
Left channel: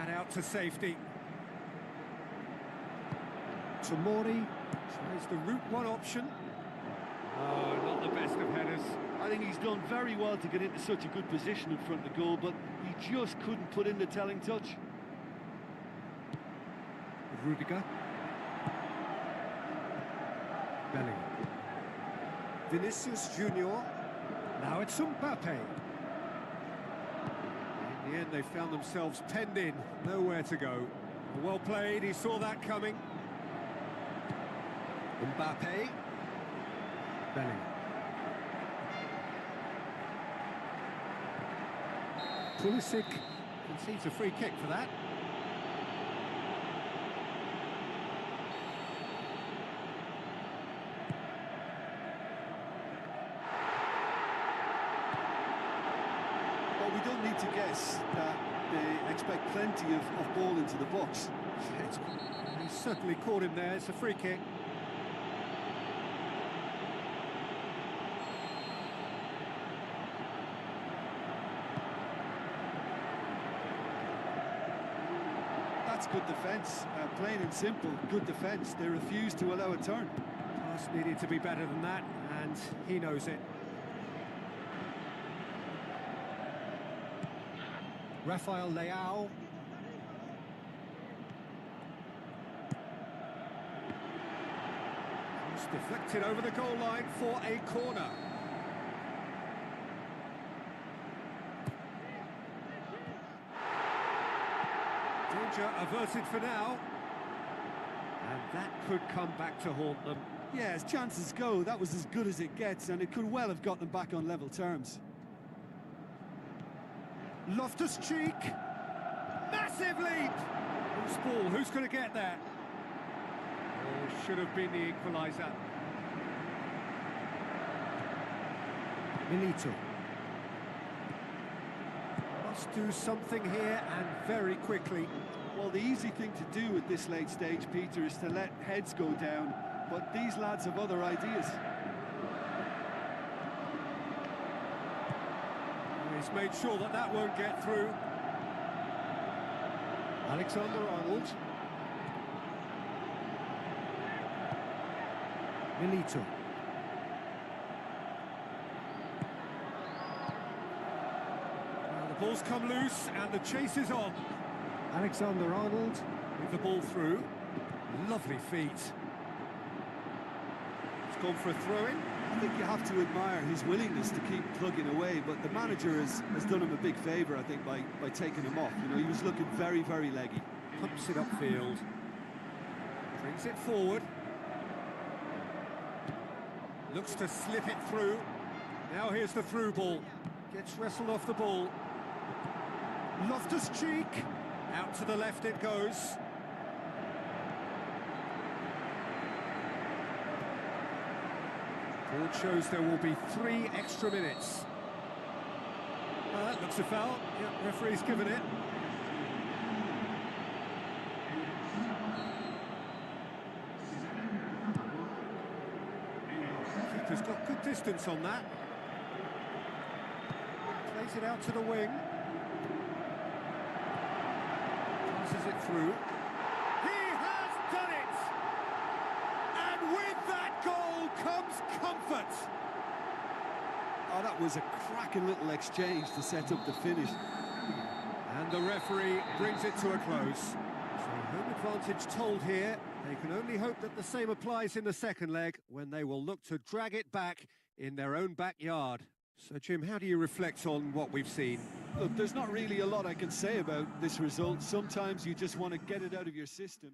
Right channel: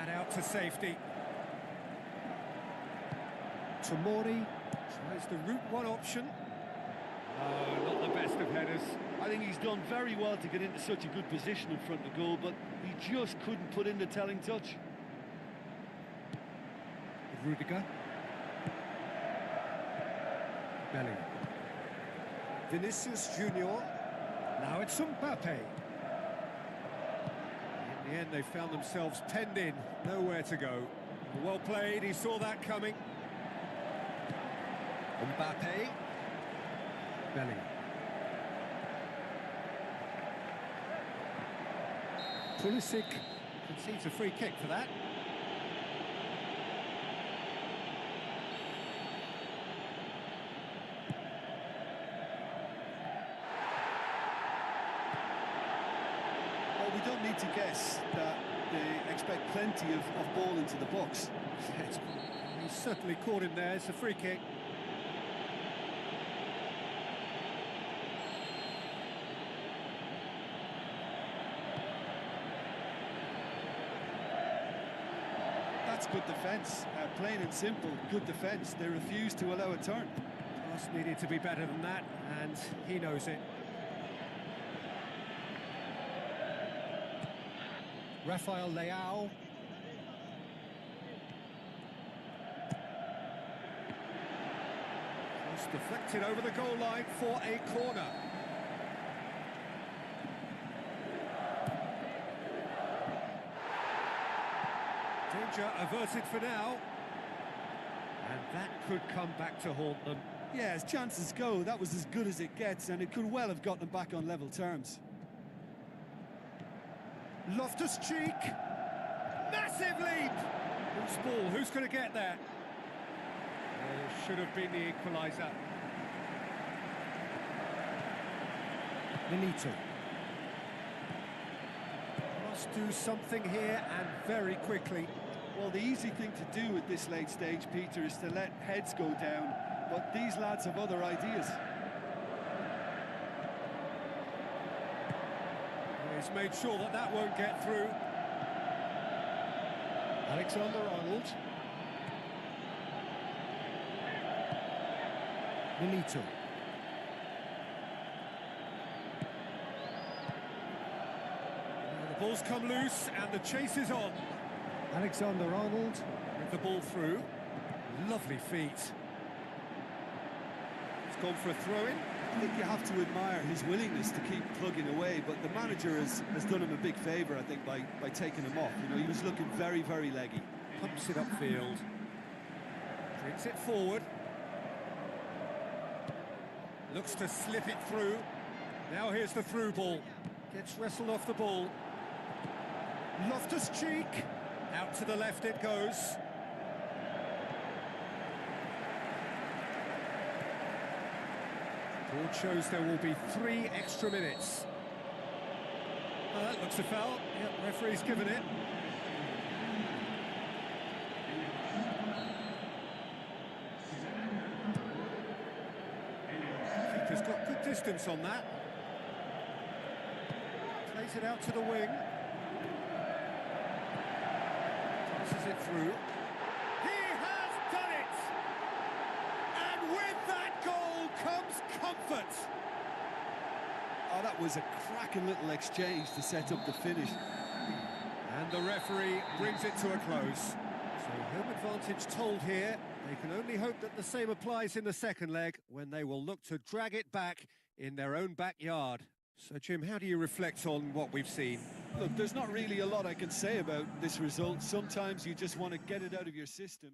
And out to safety. Tomori tries the route one option. Oh, not the best of headers. I think he's done very well to get into such a good position in front of goal, but he just couldn't put in the telling touch. Rudiger. Bellingham. Vinicius Junior. Now it's Mbappe. In the end, they found themselves penned in, nowhere to go. Well played, he saw that coming. Mbappe. Bellingham. Pulisic concedes a free kick for that. Well, we don't need to guess that they expect plenty of ball into the box. He certainly caught him there, it's a free kick. That's good defence, plain and simple, good defence. They refuse to allow a turn. Pass needed to be better than that, and he knows it. Rafael Leao. Cross deflected over the goal line for a corner. Danger averted for now. And that could come back to haunt them. Yeah, as chances go, that was as good as it gets, and it could well have gotten them back on level terms. Loftus-Cheek. Massive leap. Who's ball? Who's going to get there? Oh, should have been the equaliser. Milito. Must do something here, and very quickly. Well, the easy thing to do at this late stage, Peter, is to let heads go down, but these lads have other ideas. He's made sure that that won't get through. Alexander-Arnold. Milito. Now the Ball's come loose and the chase is on. Alexander-Arnold. With the ball through. Lovely feet. It's gone for a throw-in. I think you have to admire his willingness to keep plugging away, but the manager has done him a big favour, I think, by taking him off. You know, he was looking very, very leggy. Pumps it upfield. Brings it forward. Looks to slip it through. Now here's the through ball. Gets wrestled off the ball. Loftus-Cheek. Out to the left it goes. Board shows there will be 3 extra minutes. That looks a foul. Yep, referee's given it. Keeper's got good distance on that. Plays it out to the wing. Passes it through. He has done it! And with that goal comes comfort. Oh, that was a cracking little exchange to set up the finish. And the referee brings it to a close. So home advantage told here. They can only hope that the same applies in the second leg, when they will look to drag it back in their own backyard. So, Jim, how do you reflect on what we've seen? Look, there's not really a lot I can say about this result. Sometimes you just want to get it out of your system.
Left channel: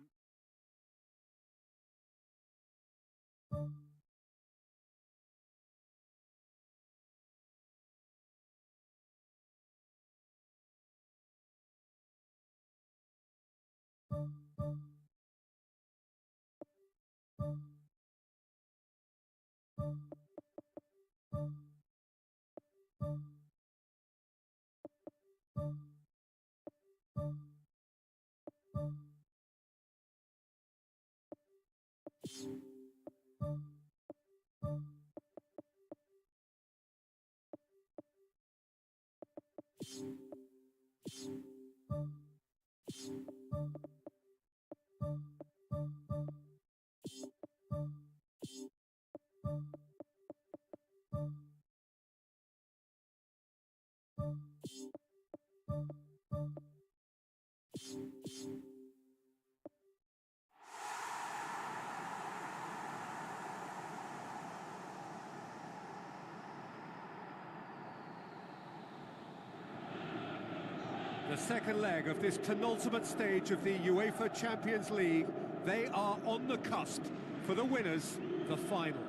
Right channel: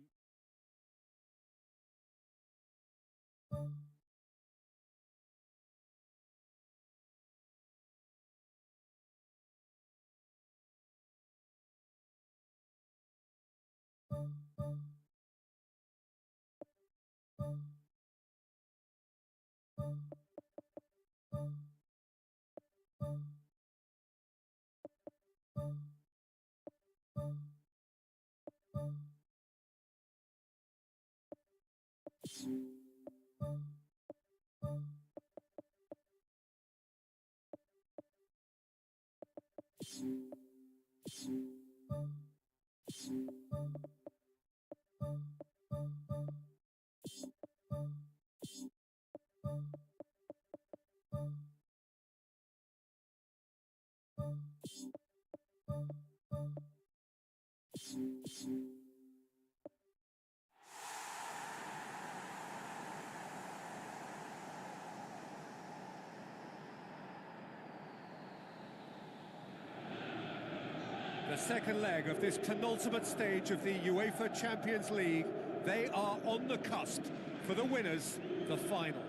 The second leg of this penultimate stage of the UEFA Champions League. They are on the cusp. For the winners, the final.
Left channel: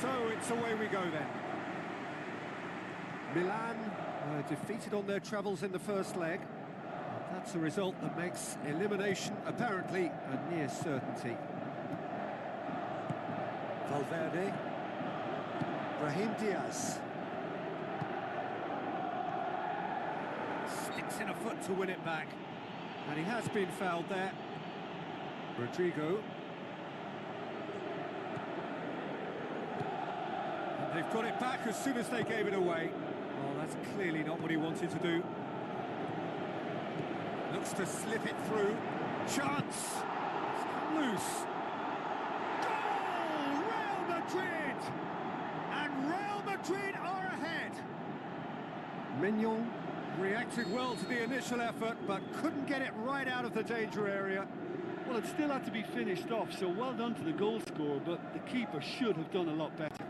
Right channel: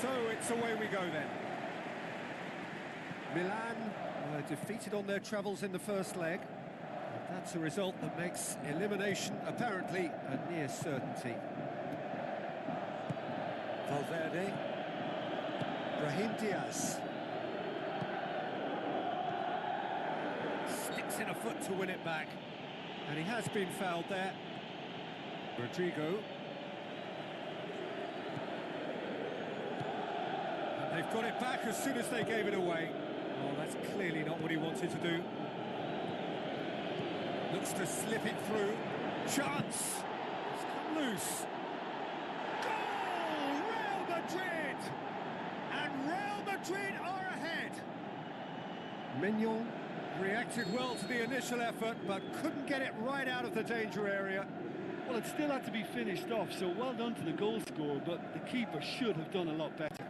So it's away we go then. Milan were defeated on their travels in the first leg. That's a result that makes elimination apparently a near certainty. Valverde. Brahim Diaz. Sticks in a foot to win it back. And he has been fouled there. Rodrigo. And they've got it back as soon as they gave it away. Oh, that's clearly not what he wanted to do. Looks to slip it through. Chance! It's come loose. Goal! Real Madrid! And Real Madrid are ahead. Mignon reacted well to the initial effort, but couldn't get it right out of the danger area. Well, it still had to be finished off, so well done to the goal scorer, but the keeper should have done a lot better.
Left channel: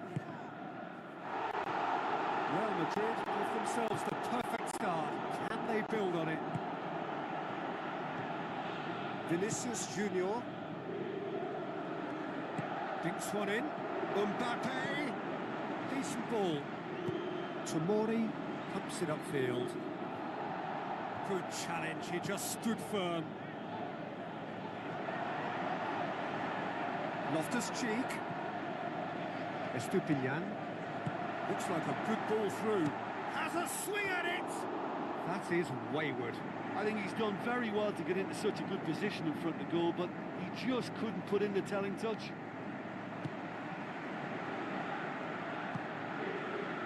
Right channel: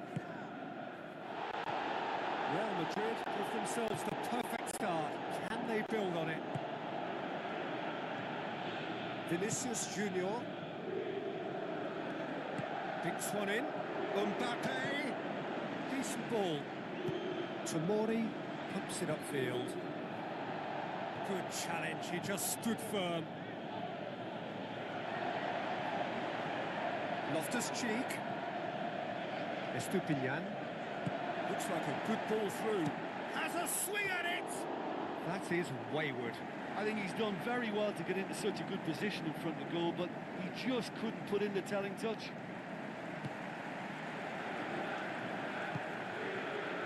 Real Madrid give themselves the perfect start. Can they build on it? Vinicius Junior. Dinks one in. Mbappe. Decent ball. Tomori pumps it upfield. Good challenge, he just stood firm. Loftus-Cheek. Estupiñán. Looks like a good ball through. Has a swing at it! That is wayward. I think he's done very well to get into such a good position in front of goal, but he just couldn't put in the telling touch.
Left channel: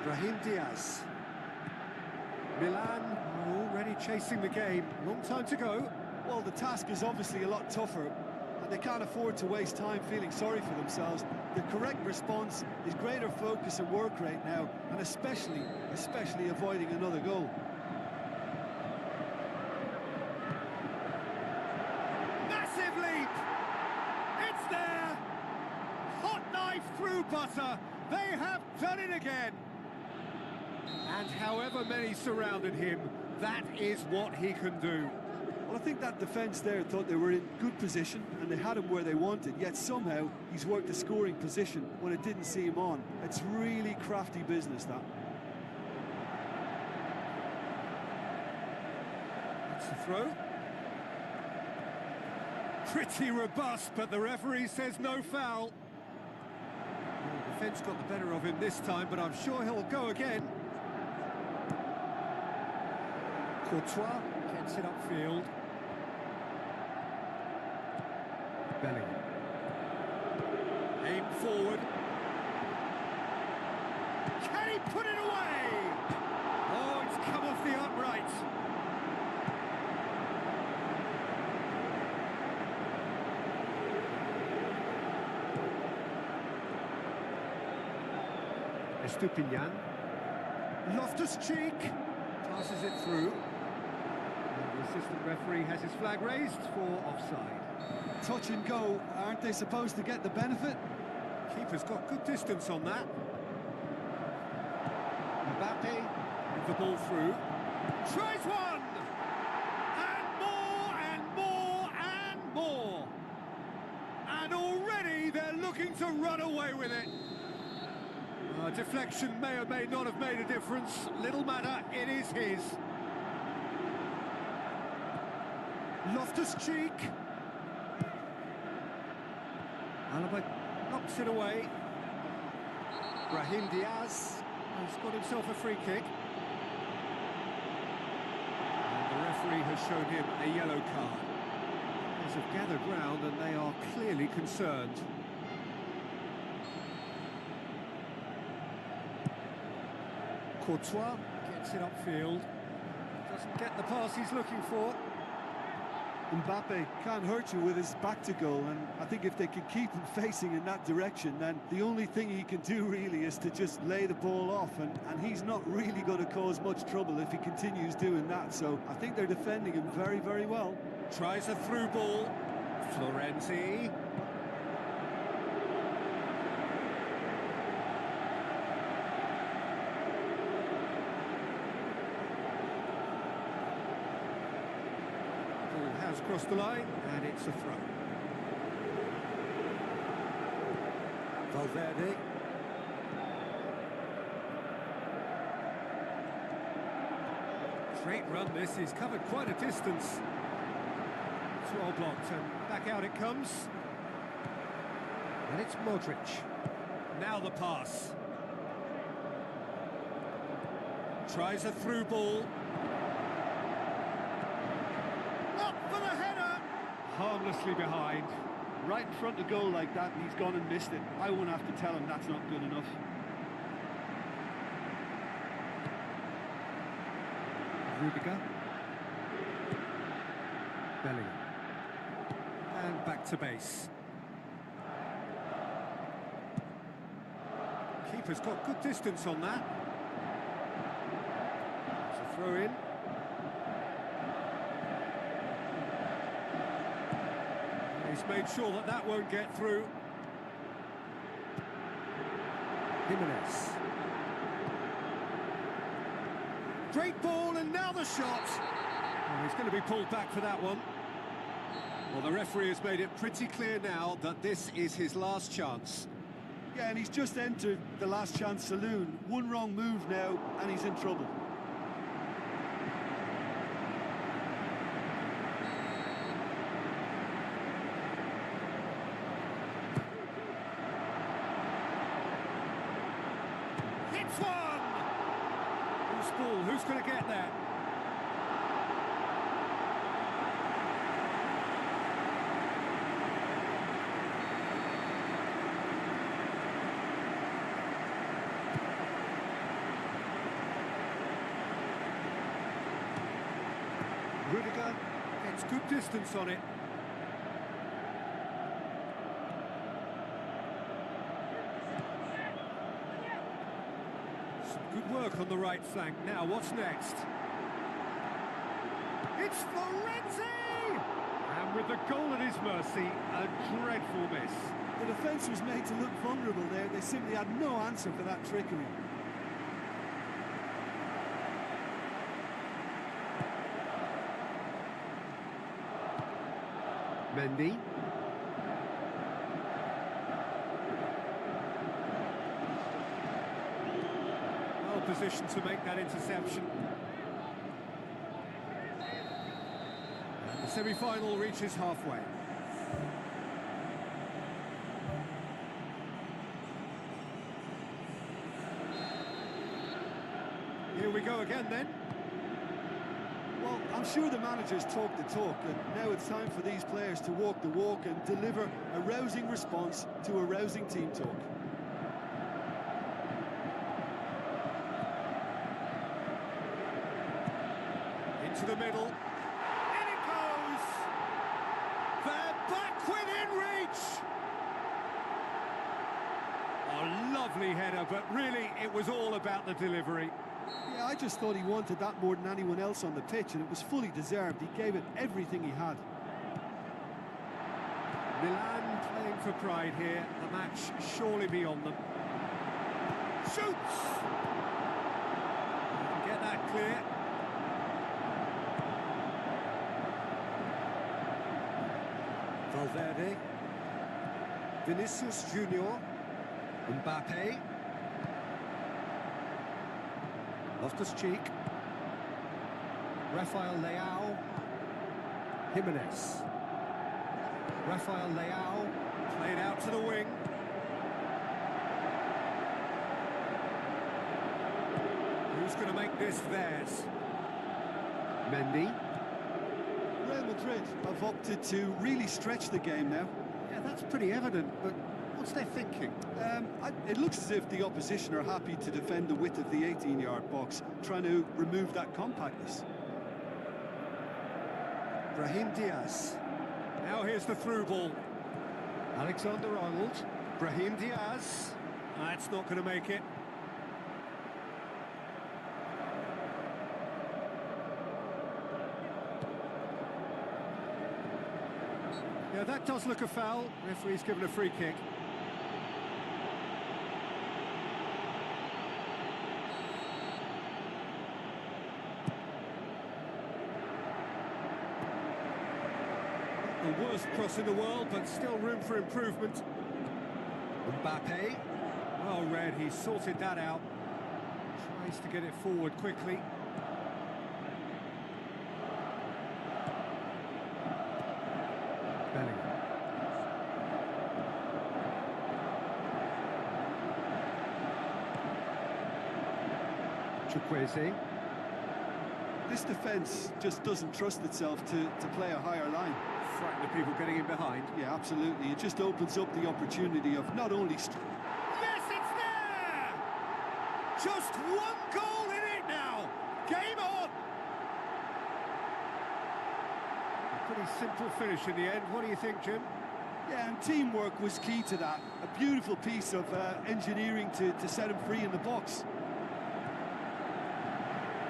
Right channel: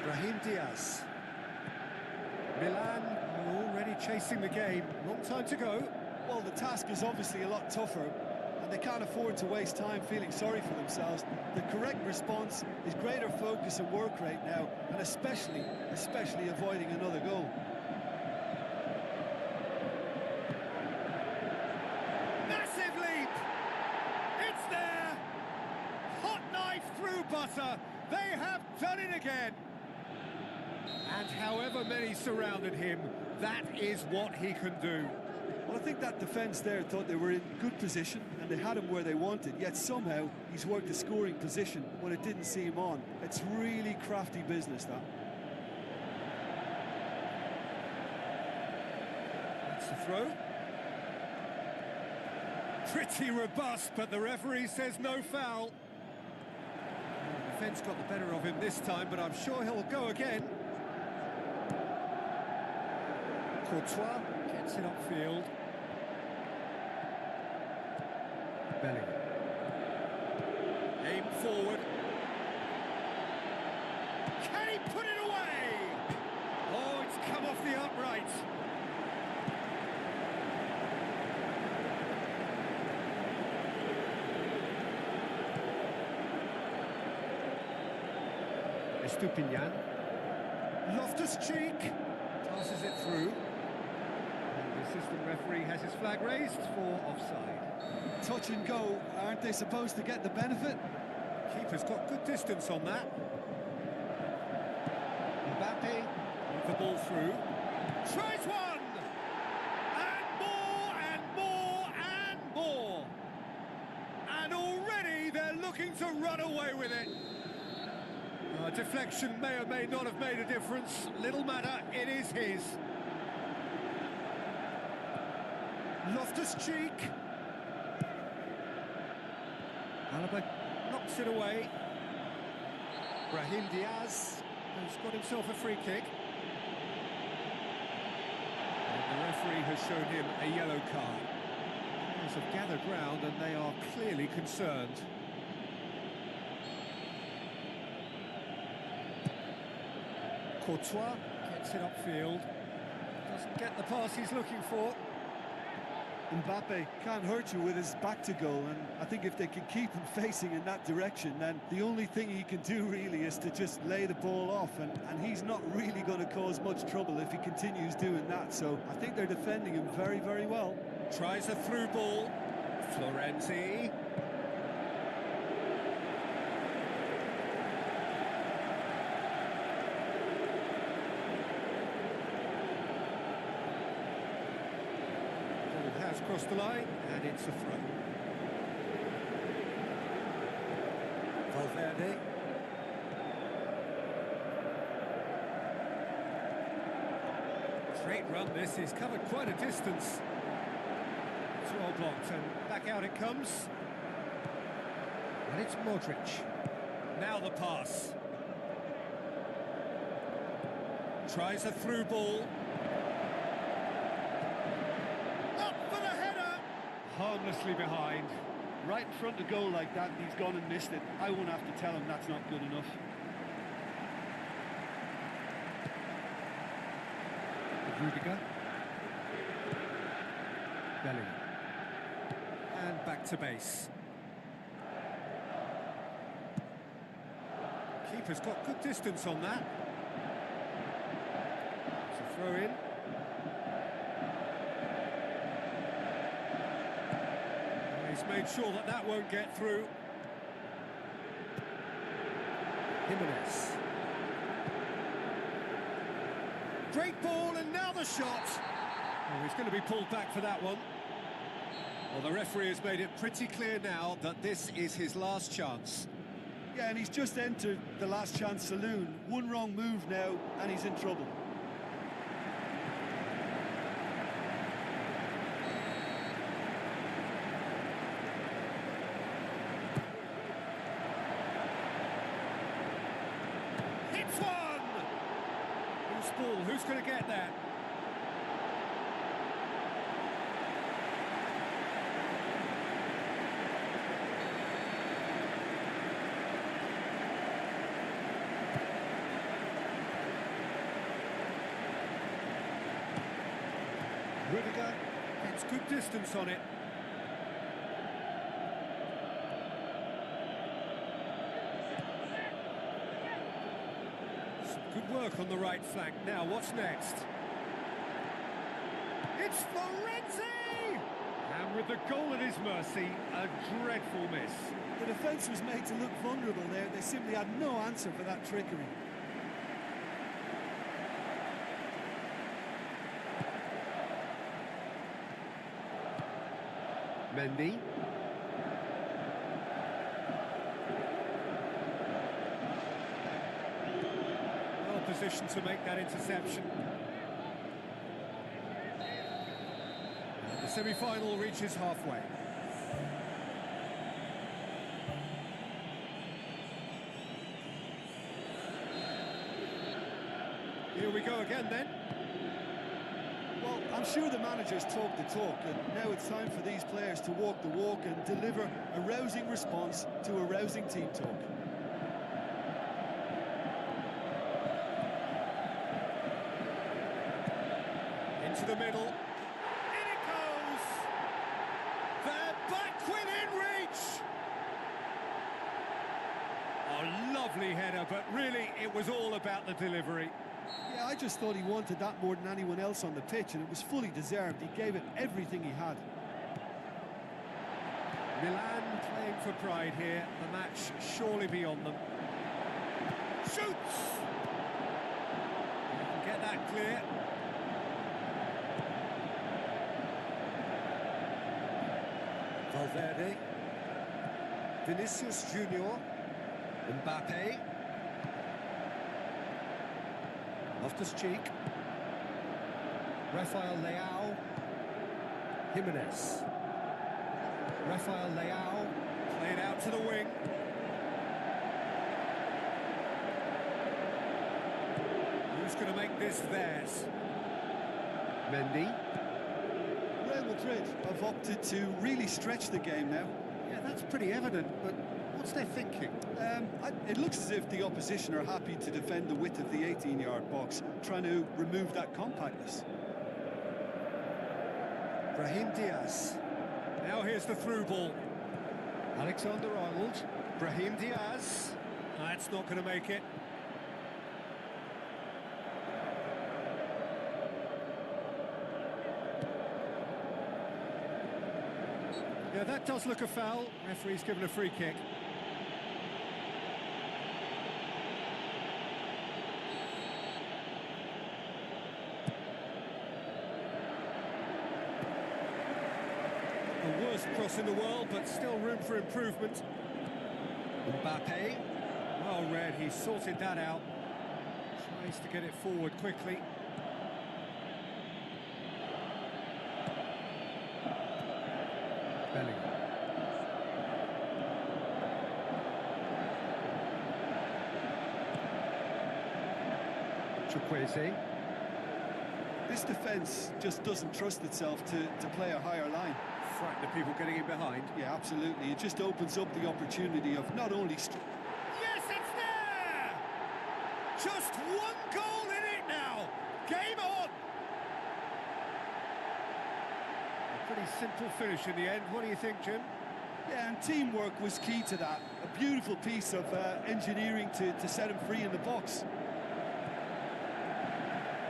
Brahim Diaz. Milan are already chasing the game. Long time to go. Well, the task is obviously a lot tougher, and they can't afford to waste time feeling sorry for themselves. The correct response is greater focus and work rate now, and especially avoiding another goal. Massive leap! It's there! Hot knife through butter! They have done it again! And however many surrounded him, that is what he can do. Well, I think that defence there thought they were in good position and they had him where they wanted, yet somehow he's worked a scoring position when it didn't see him on. It's really crafty business, that. That's the throw. Pretty robust, but the referee says no foul. Well, the defence got the better of him this time, but I'm sure he'll go again. Courtois gets it upfield. Bellingham. Aim forward. Can he put it away? Oh, it's come off the upright. Estupinian. Loftus-Cheek passes it through. And the assistant referee has his flag raised for offside. Touch and go, aren't they supposed to get the benefit? Keeper's got good distance on that. Mbappe with the ball through. Tries one! And more, and more, and more! And already they're looking to run away with it. Deflection may or may not have made a difference. Little matter, it is his. Loftus-Cheek. Alaba knocks it away. Brahim Diaz has got himself a free kick. And the referee has shown him a yellow card. Players have gathered round and they are clearly concerned. Courtois gets it upfield. Doesn't get the pass he's looking for. Mbappe can't hurt you with his back to goal, and I think if they can keep him facing in that direction, then the only thing he can do really is to just lay the ball off, and he's not really going to cause much trouble if he continues doing that. So I think they're defending him very, very well. Tries a through ball. Florenzi. Has crossed the line, and it's a throw. Valverde. Straight run this, he's covered quite a distance. It's well blocked, and back out it comes. And it's Modric. Now the pass. Tries a through ball. Harmlessly behind. Right in front of goal like that, and he's gone and missed it. I won't have to tell him that's not good enough. Rudiger. Bellingham. And back to base. Keeper's got good distance on that. It's a throw in. He's made sure that that won't get through. Jimenez. Great ball, and now the shot. Oh, he's going to be pulled back for that one. Well, the referee has made it pretty clear now that this is his last chance. Yeah, and he's just entered the last chance saloon. One wrong move now, and he's in trouble. Hits one! Who's ball? Who's going to get that? Rudiger gets good distance on it. Good work on the right flank. Now, what's next? It's Florenzi! And with the goal at his mercy, a dreadful miss. The defence was made to look vulnerable there. They simply had no answer for that trickery. Mendy. Well positioned to make that interception. And the semi-final reaches halfway. Here we go again then. Well, I'm sure the managers talk the talk, and now it's time for these players to walk the walk and deliver a rousing response to a rousing team talk. Into the middle. In it goes! They're back within reach! A lovely header, but really it was all about the delivery. Yeah, I just thought he wanted that more than anyone else on the pitch, and it was fully deserved. He gave it everything he had. Milan playing for pride here. The match surely beyond them. Shoots! Get that clear. Valverde. Vinicius Junior. Mbappe. Loftus-Cheek. Rafael Leao. Jimenez. Rafael Leao. Played out to the wing. Who's going to make this theirs? Mendy. Real Madrid have opted to really stretch the game now. Yeah, that's pretty evident, but what's their thinking? It looks as if the opposition are happy to defend the width of the 18-yard box, trying to remove that compactness. Brahim Diaz. Now here's the through ball. Alexander-Arnold. Brahim Diaz. That's not going to make it. Yeah, that does look a foul. Referee's given a free kick. The worst cross in the world, but still room for improvement. Mbappe. Well read, he sorted that out. Tries to get it forward quickly. Bellingham. Chukwueze. This defence just doesn't trust itself to play a higher line. Frighten the people getting in behind. Yeah, absolutely. It just opens up the opportunity of not only... Yes, it's there! Just one goal in it now! Game on! A pretty simple finish in the end. What do you think, Jim? Yeah, and teamwork was key to that. A beautiful piece of engineering to set him free in the box.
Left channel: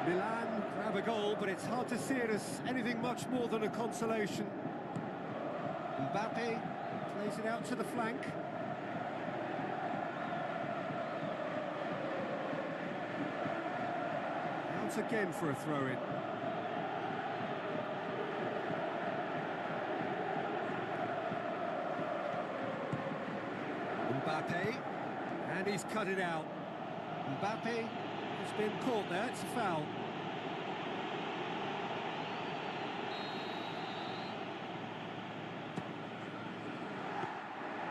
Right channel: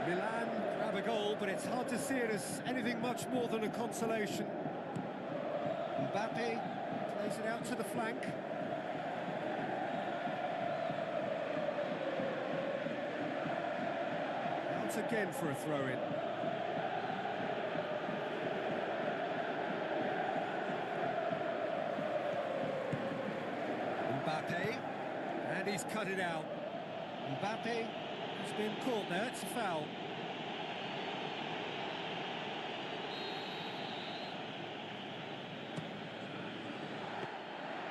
Milan grab a goal, but it's hard to see it as anything much more than a consolation. Mbappe plays it out to the flank. Out again for a throw-in. Mbappe, and he's cut it out. Mbappe has been caught there, it's a foul.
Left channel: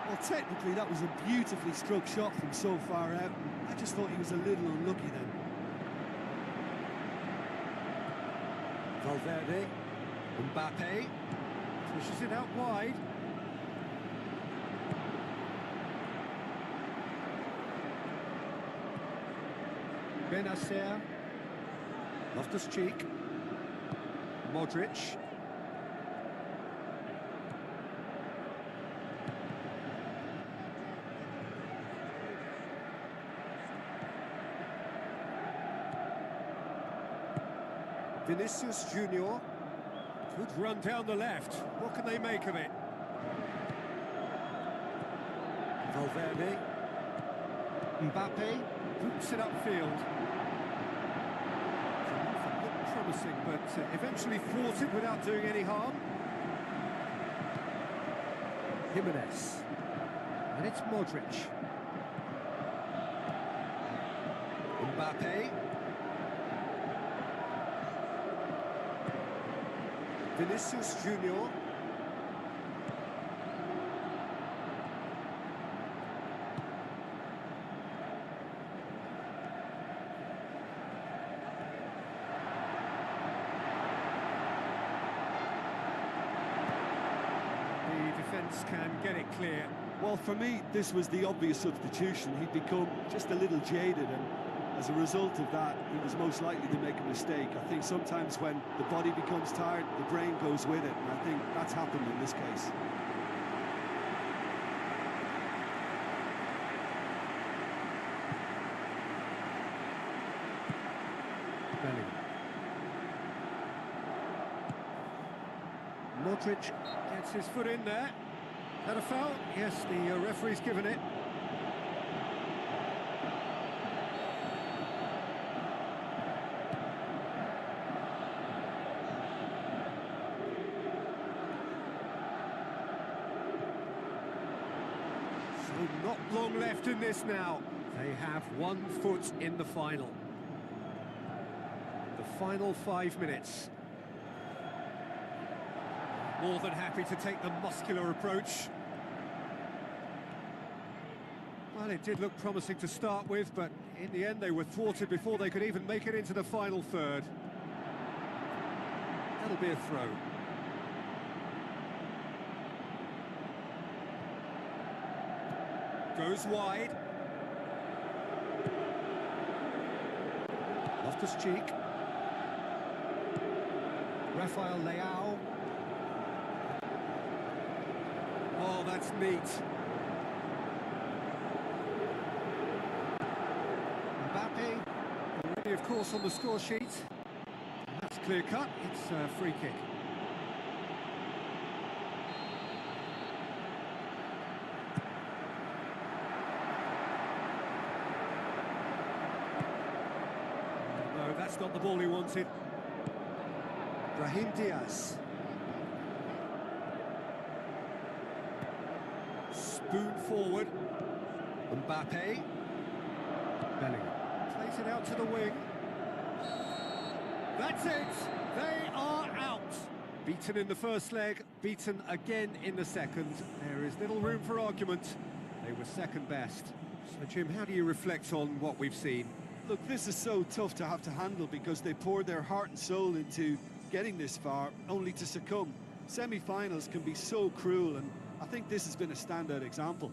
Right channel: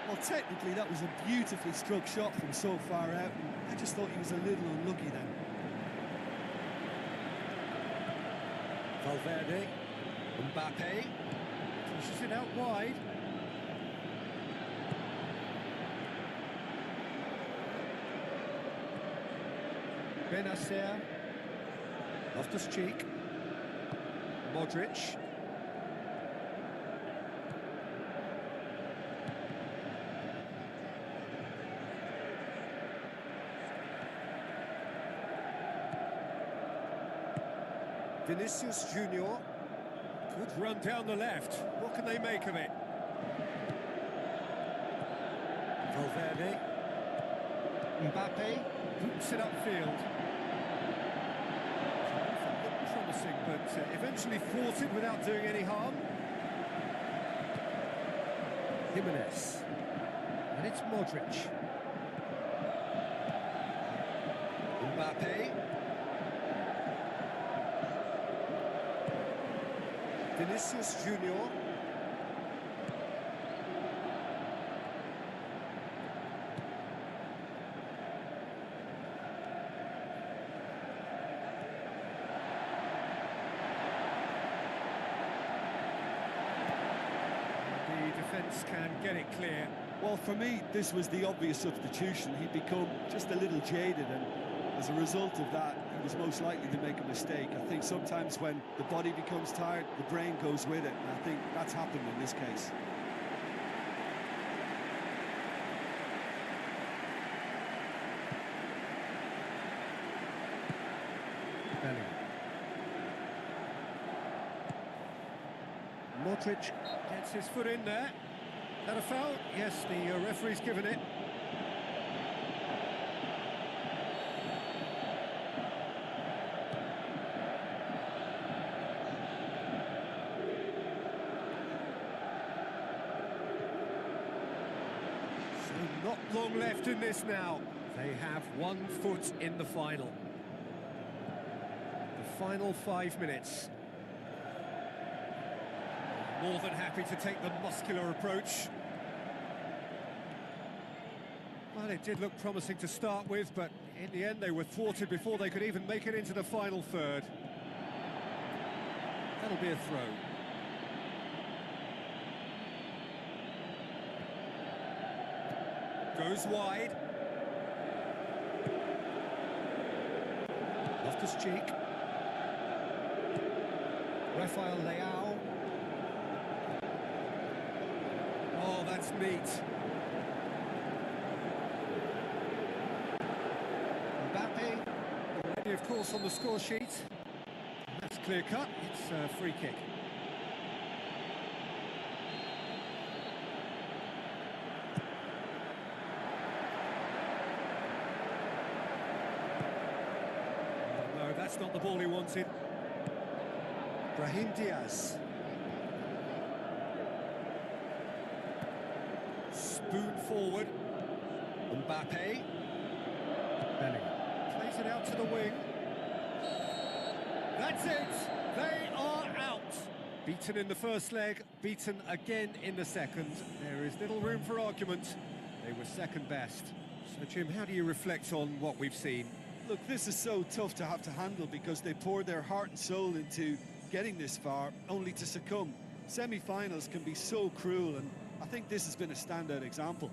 Well, technically, that was a beautifully struck shot from so far out, and I just thought he was a little unlucky then. Valverde, Mbappe, pushes it out wide. Benacer, Loftus-Cheek, Modric. Vinicius Junior. Good run down the left. What can they make of it? Valverde. Mbappe boots it upfield. It looked promising, but eventually thwarted without doing any harm. Jimenez. And it's Modric. Mbappe. Vinicius Junior. The defence can get it clear. Well, for me, this was the obvious substitution. He'd become just a little jaded, and as a result of that, he was most likely to make a mistake. I think sometimes when the body becomes tired, the brain goes with it, and I think that's happened in this case. Bellingham. Modric gets his foot in there. Is that a foul? Yes, the referee's given it. So not long left in this now. They have 1 foot in the final. The final 5 minutes. More than happy to take the muscular approach. Well, it did look promising to start with, but in the end they were thwarted before they could even make it into the final third. That'll be a throw. Goes wide. Loftus-Cheek. Rafael Leao. Oh, that's neat. Mbappe, already of course on the score sheet. That's clear cut, it's a free kick. No, that's not the ball he wanted. Brahim Diaz. Spoon forward. Mbappe. Bellingham. Plays it out to the wing. That's it! They are out! Beaten in the first leg, beaten again in the second. There is little room for argument. They were second best. So, Jim, how do you reflect on what we've seen? Look, this is so tough to have to handle because they poured their heart and soul into getting this far, only to succumb. Semi-finals can be so cruel, and I think this has been a standout example.